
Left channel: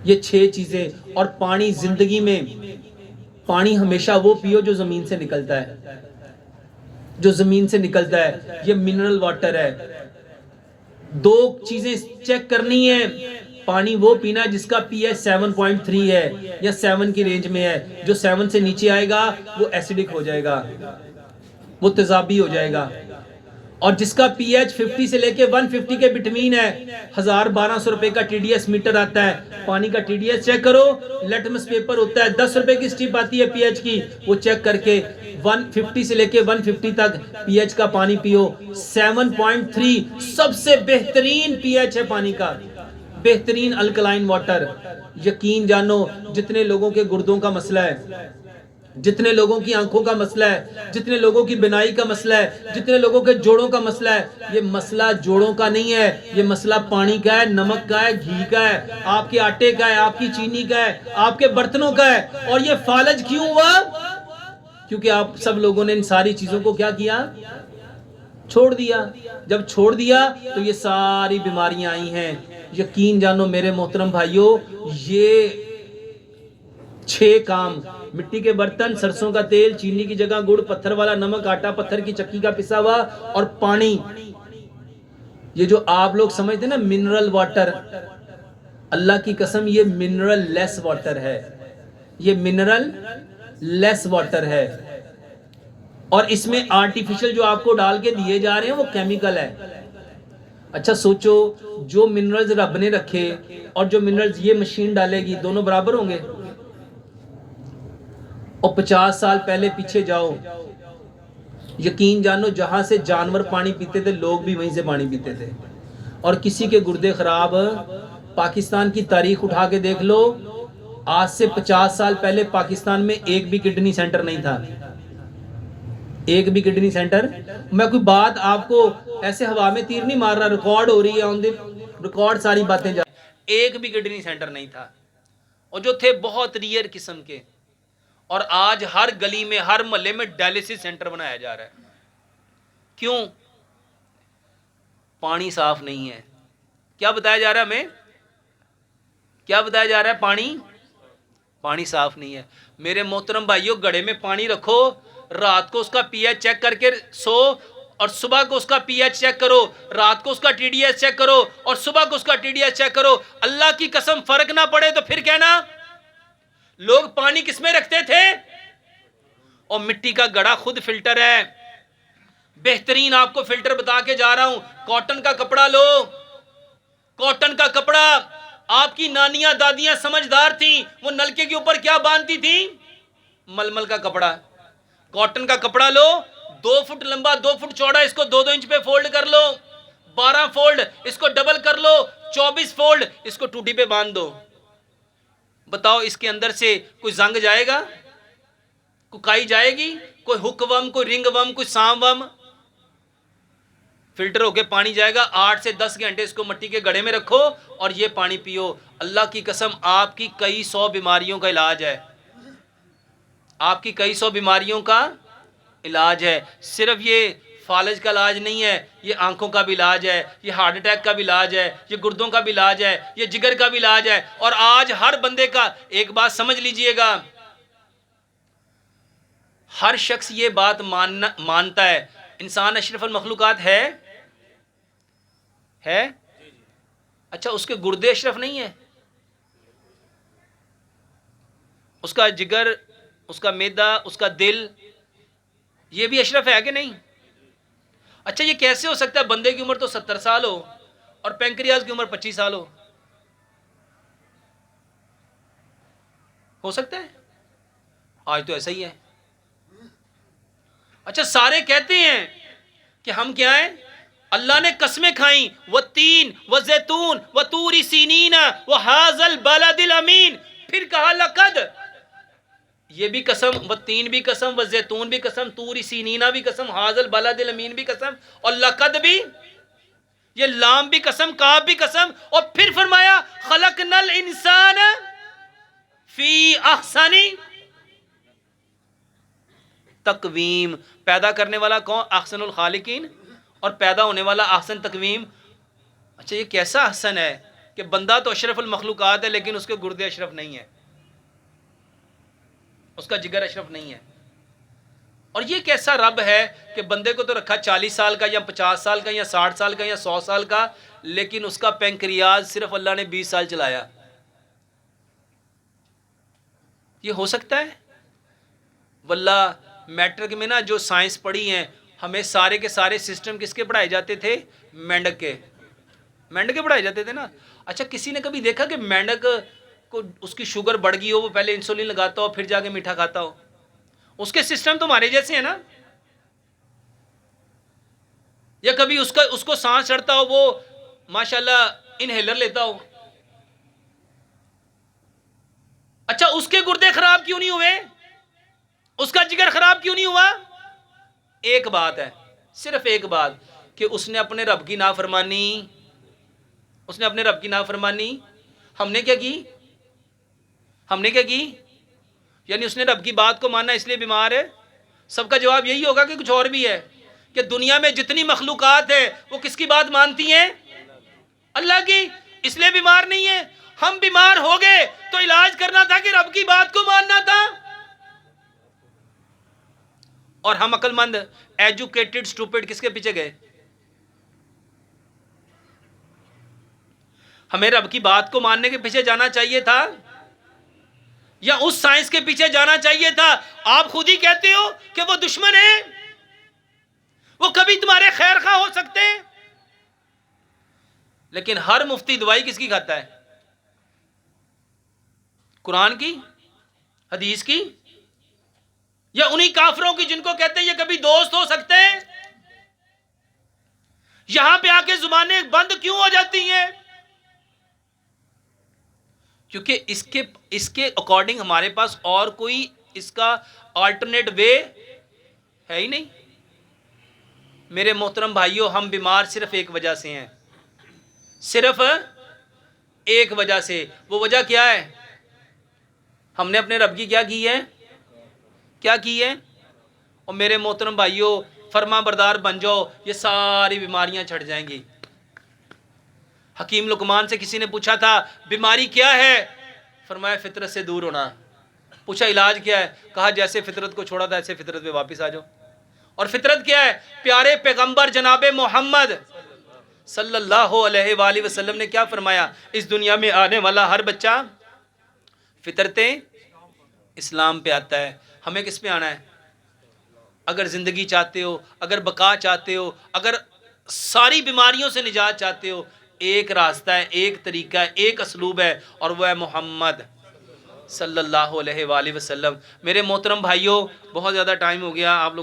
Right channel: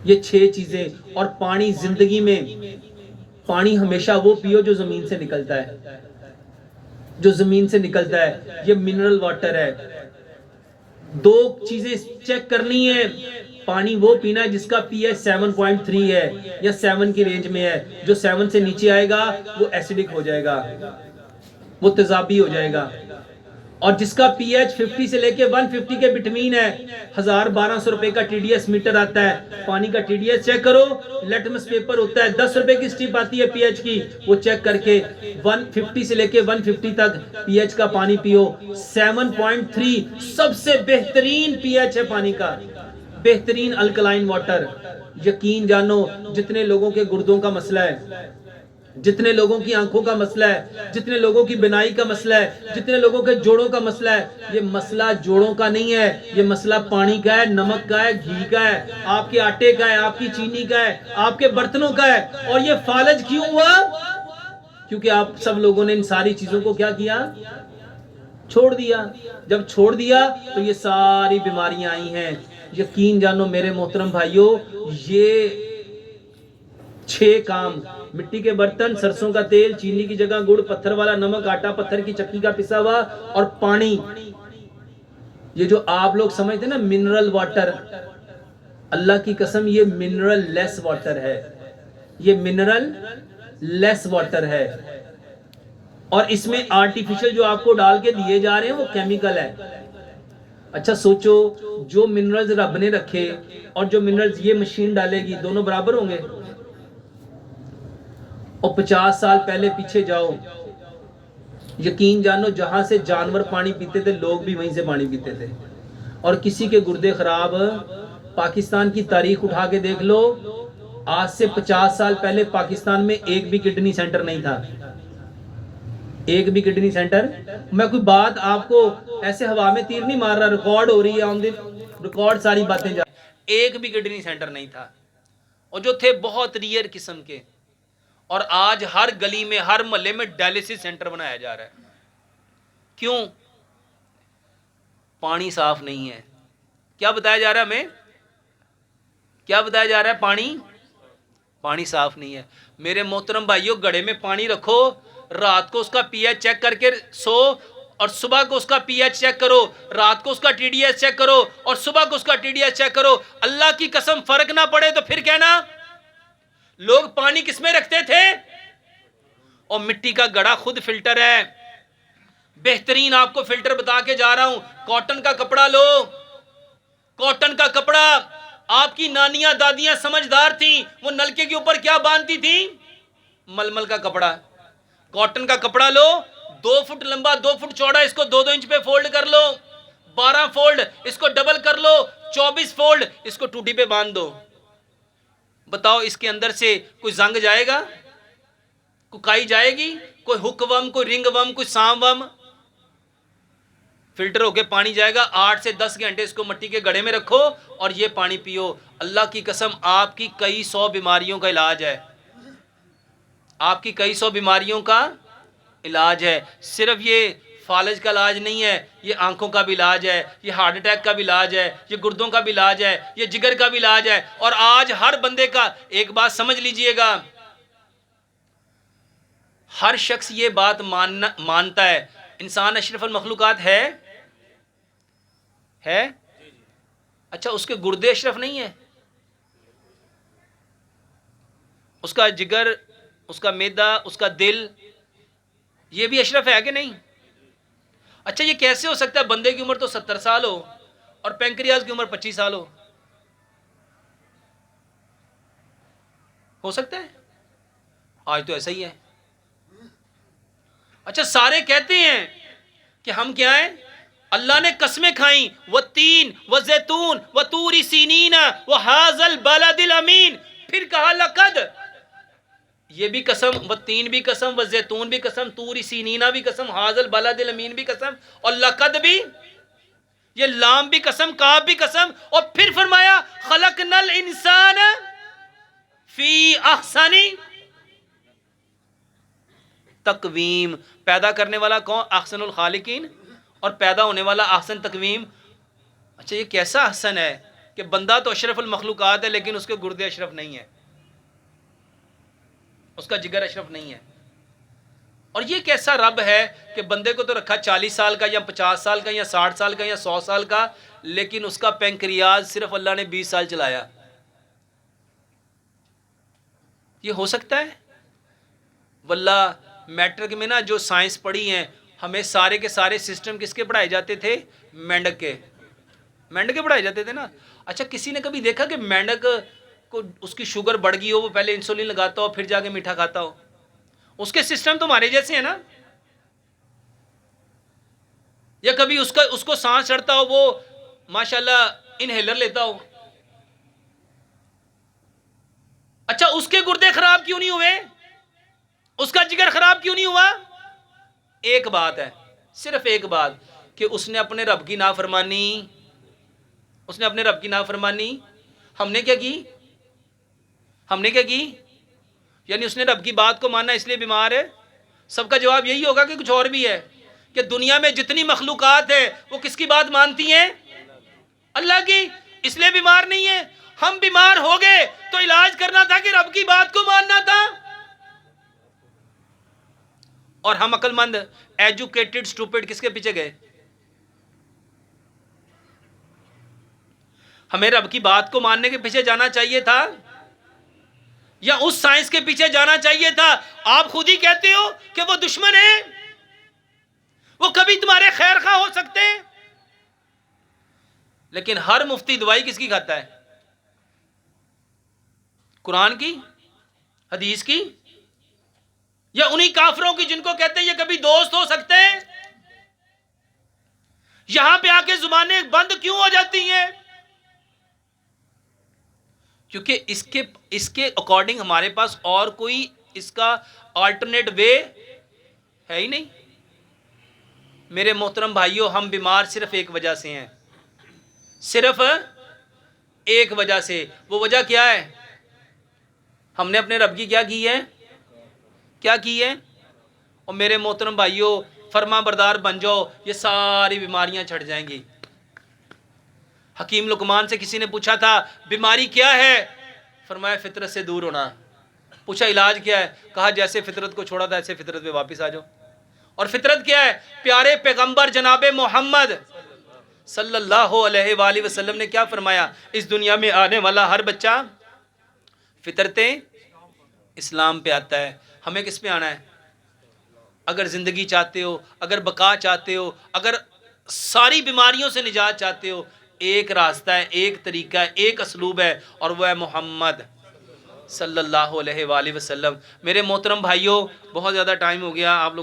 ये 6 चीजें। और पानी, जिंदगी में पानी हमेशा वो पियो जो जमीन से निकलता है, जो जमीन से निकलता है। ये मिनरल वाटर है। 2 चीजें चेक करनी है। पानी वो पीना है जिसका पीएच 7.3 है या 7 की रेंज में है। जो 7 से नीचे आएगा वो एसिडिक हो जाएगा, वो तेजाबी हो जाएगा। और जिसका पीएच 50 से लेके 150 के बिटवीन है, 1000-1200 रुपए का टीडीएस मीटर आता है। पानी का टीडीएस चेक करो, लेटमस पेपर होता है, 10 रुपए की स्ट्रिप आती है पीएच की, वो चेक करके 150 से लेके 150 तक पीएच का पानी पियो। 7.3 सबसे बेहतरीन पीएच है पानी का, बेहतरीन अल्कलाइन वाटर। यकीन जानो, जितने लोगों के गुर्दों का मसला है, जितने लोगों की आंखों का मसला है, जितने लोगों की बिनाई का मसला है, जितने लोगों के जोड़ों का मसला है, ये मसला जोड़ों का नहीं है, ये मसला पानी का है, नमक का है, घी का है, आपके आटे का है, आपकी चीनी का है, आपके बर्तनों का है। और ये फालज क्यों हुआ? क्योंकि आप सब लोगों ने इन सारी चीजों को क्या किया? छोड़ दिया। जब छोड़ दिया तो ये सारी बीमारियां आई हैं। यकीन जानो मेरे मोहतरम भाइयों, ये 6 काम, मिट्टी के बर्तन, सरसों का तेल, चीनी की जगह गुड़, पत्थर वाला नमक, आटा पत्थर की चक्की का पिसा हुआ, और पानी। ये जो आप लोग समझते ना मिनरल वाटर, अल्लाह की कसम ये मिनरल लेस वाटर है, ये मिनरल लेस वाटर है। और इसमें आर्टिफिशियल जो आपको डाल के दिए जा रहे हैं वो केमिकल है। अच्छा सोचो, जो मिनरल्स रब ने रखे और जो मिनरल्स ये मशीन डालेगी, दोनों बराबर होंगे? और 50 साल पहले पीछे जाओ, यकीन जानो जहां से जानवर पानी पीते थे, लोग भी वहीं से पानी पीते थे। और किसी के गुर्दे खराब, पाकिस्तान की तारीख उठा के देख लो, आज से 50 साल पहले पाकिस्तान में एक भी किडनी सेंटर नहीं था, एक भी किडनी सेंटर। मैं कोई बात आपको ऐसे हवा में तीर नहीं मार रहा, रिकॉर्ड हो रही है, ऑन द रिकॉर्ड सारी बातें जा। एक भी किडनी सेंटर नहीं था, और जो थे बहुत रियर किस्म के। और आज हर गली में, हर मोहल्ले में डायलिसिस सेंटर बनाया जा रहा है। क्यों? पानी साफ नहीं है। क्या बताया जा रहा है हमें? क्या बताया जा रहा है? पानी साफ नहीं है। मेरे मोहतरम भाइयों, घड़े में पानी रखो, रात को उसका पीएच चेक करके सो, और सुबह को उसका पीएच चेक करो, रात को उसका टीडीएस चेक करो, और सुबह को उसका टीडीएस चेक करो। अल्लाह की कसम फर्क ना पड़े तो फिर कहना लोग पानी किसमें रखते थे? और मिट्टी का घड़ा खुद फिल्टर है। बेहतरीन आपको फिल्टर बता के जा रहा हूं। कॉटन का कपड़ा लो, कॉटन का कपड़ा। आपकी नानियां दादियां समझदार थी, वो नलके के ऊपर क्या बांधती थी? मलमल का कपड़ा। कॉटन का कपड़ा लो, 2 फुट लंबा 2 फुट चौड़ा, इसको 2-2 इंच पे फोल्ड कर लो, 12 फोल्ड, इसको डबल कर लो, 24 फोल्ड इसको टूटी पे बांध दो, बताओ इसके अंदर से कोई जंग जाएगा, कोई काई जाएगी, कोई हुकवम, कोई रिंगवम, कोई सांवम? फिल्टर होके पानी जाएगा। 8 से 10 घंटे इसको मिट्टी के घड़े में रखो और ये पानी पियो। अल्लाह की कसम, आपकी कई 100 बीमारियों का इलाज है, आपकी कई 100 बीमारियों का इलाज है। सिर्फ ये फालज का इलाज नहीं है, ये आंखों का भी इलाज है, ये हार्ट अटैक का भी इलाज है, ये गुर्दों का भी इलाज है, ये जिगर का भी इलाज है। और आज हर बंदे का, एक बात समझ लीजिएगा, हर शख्स ये बात मानता है, इंसान अशरफुल मखलूकात है। अच्छा, उसके गुर्दे अशरफ नहीं है, उसका जिगर, उसका मैदा, उसका दिल, ये भी अशरफ है कि नहीं? अच्छा, ये कैसे हो सकता है बंदे की उम्र तो 70 साल हो और पैंक्रियाज की उम्र 25 साल हो सकता है? आज तो ऐसा ही है। अच्छा, सारे कहते हैं कि हम क्या हैं, अल्लाह ने कसमें खाई, व तीन व जैतून व तूरी सीनीन व हाजल बलदिल अमीन, फिर कहा लकद, ये भी कसम, व तीन भी कसम, व जैतून भी कसम, तूरी सीनीना भी कसम, हाजल बलदिल अमीन भी कसम, और लकद भी, ये लाम भी कसम, काफ भी कसम, और फिर फरमाया खलकनल इंसान फी अहसनी तकवीम। पैदा करने वाला कौन? अहसनुल खालिकीन, और पैदा होने वाला अहसन तकवीम। अच्छा, ये कैसा अहसन है कि बंदा तो अशरफुल मखलूकात है लेकिन उसके गुर्दे अशरफ नहीं है, उसका जिगर अशरफ नहीं है। और ये कैसा रब है कि बंदे को तो रखा 40 साल का या 50 साल का या 60 साल का या 100 साल का, लेकिन उसका पैंक्रियाज सिर्फ अल्लाह ने 20 साल चलाया। ये हो सकता है? वल्लाह, मैट्रिक में ना जो साइंस पढ़ी हैं, हमें सारे के सारे सिस्टम किसके पढ़ाए जाते थे? मेंढक के, मेंढक के पढ़ाए जाते थे ना। अच्छा, किसी ने कभी देखा कि मेंढक को उसकी शुगर बढ़ गई हो, वो पहले इंसुलिन लगाता हो फिर जाके मीठा खाता हो? उसके सिस्टम तो हमारे जैसे हैं ना। या कभी उसको सांस चढ़ता हो, वो माशाल्लाह इनहेलर लेता हो। अच्छा, उसके गुर्दे खराब क्यों नहीं हुए? उसका जिगर खराब क्यों नहीं हुआ? एक बात है, सिर्फ एक बात, कि उसने अपने रब की नाफरमानी, उसने अपने रब की नाफरमानी। हमने क्या की? हमने क्या की? यानी उसने रब की बात को माना इसलिए बीमार है? सबका जवाब यही होगा कि कुछ और भी है, कि दुनिया में जितनी मखलूकात है वो किसकी बात मानती हैं? अल्लाह की, इसलिए बीमार नहीं है। हम बीमार हो गए तो इलाज करना था कि रब की बात को मानना था। और हम अक्लमंद, एजुकेटेड स्टूपिड किसके पीछे गए? हमें रब की बात को मानने के पीछे जाना चाहिए था या उस साइंस के पीछे जाना चाहिए था? आप खुद ही कहते हो कि वो दुश्मन है, वो कभी तुम्हारे खैर खा हो सकते हैं, लेकिन हर मुफ्ती दवाई किसकी खाता है? कुरान की, हदीस की, या उन्हीं काफरों की जिनको कहते हैं ये कभी दोस्त हो सकते हैं? यहां पे आके जुबानें बंद क्यों हो जाती हैं? क्योंकि इसके अकॉर्डिंग हमारे पास और कोई इसका अल्टरनेट वे है ही नहीं। मेरे मोहतरम भाइयों, हम बीमार सिर्फ एक वजह से हैं, सिर्फ एक वजह से। वो वजह क्या है? हमने अपने रब की क्या की है? क्या की है? और मेरे मोहतरम भाइयों, फरमा बरदार बन जाओ, ये सारी बीमारियां छट जाएंगी। हकीम लुकमान से किसी ने पूछा था बीमारी क्या है? फरमाया फितरत से दूर होना। पूछा इलाज क्या है? कहा जैसे फितरत को छोड़ा था ऐसे फितरत पे वापस आ जाओ। और फितरत क्या है? प्यारे पैगंबर जनाबे मोहम्मद सल्लल्लाहु अलैहि वसल्लम ने क्या फरमाया? इस दुनिया में आने वाला हर बच्चा फितरते इस्लाम पे आता है। हमें किस पे आना है? अगर ज़िंदगी चाहते हो, अगर बका चाहते हो, अगर सारी बीमारियों से निजात चाहते हो, एक रास्ता है, एक तरीका है, एक असलूब है, और वह है मोहम्मद सल्लल्लाहु अलैहि वसल्लम। मेरे मोहतरम भाइयों, बहुत ज़्यादा टाइम हो गया, आप लोगों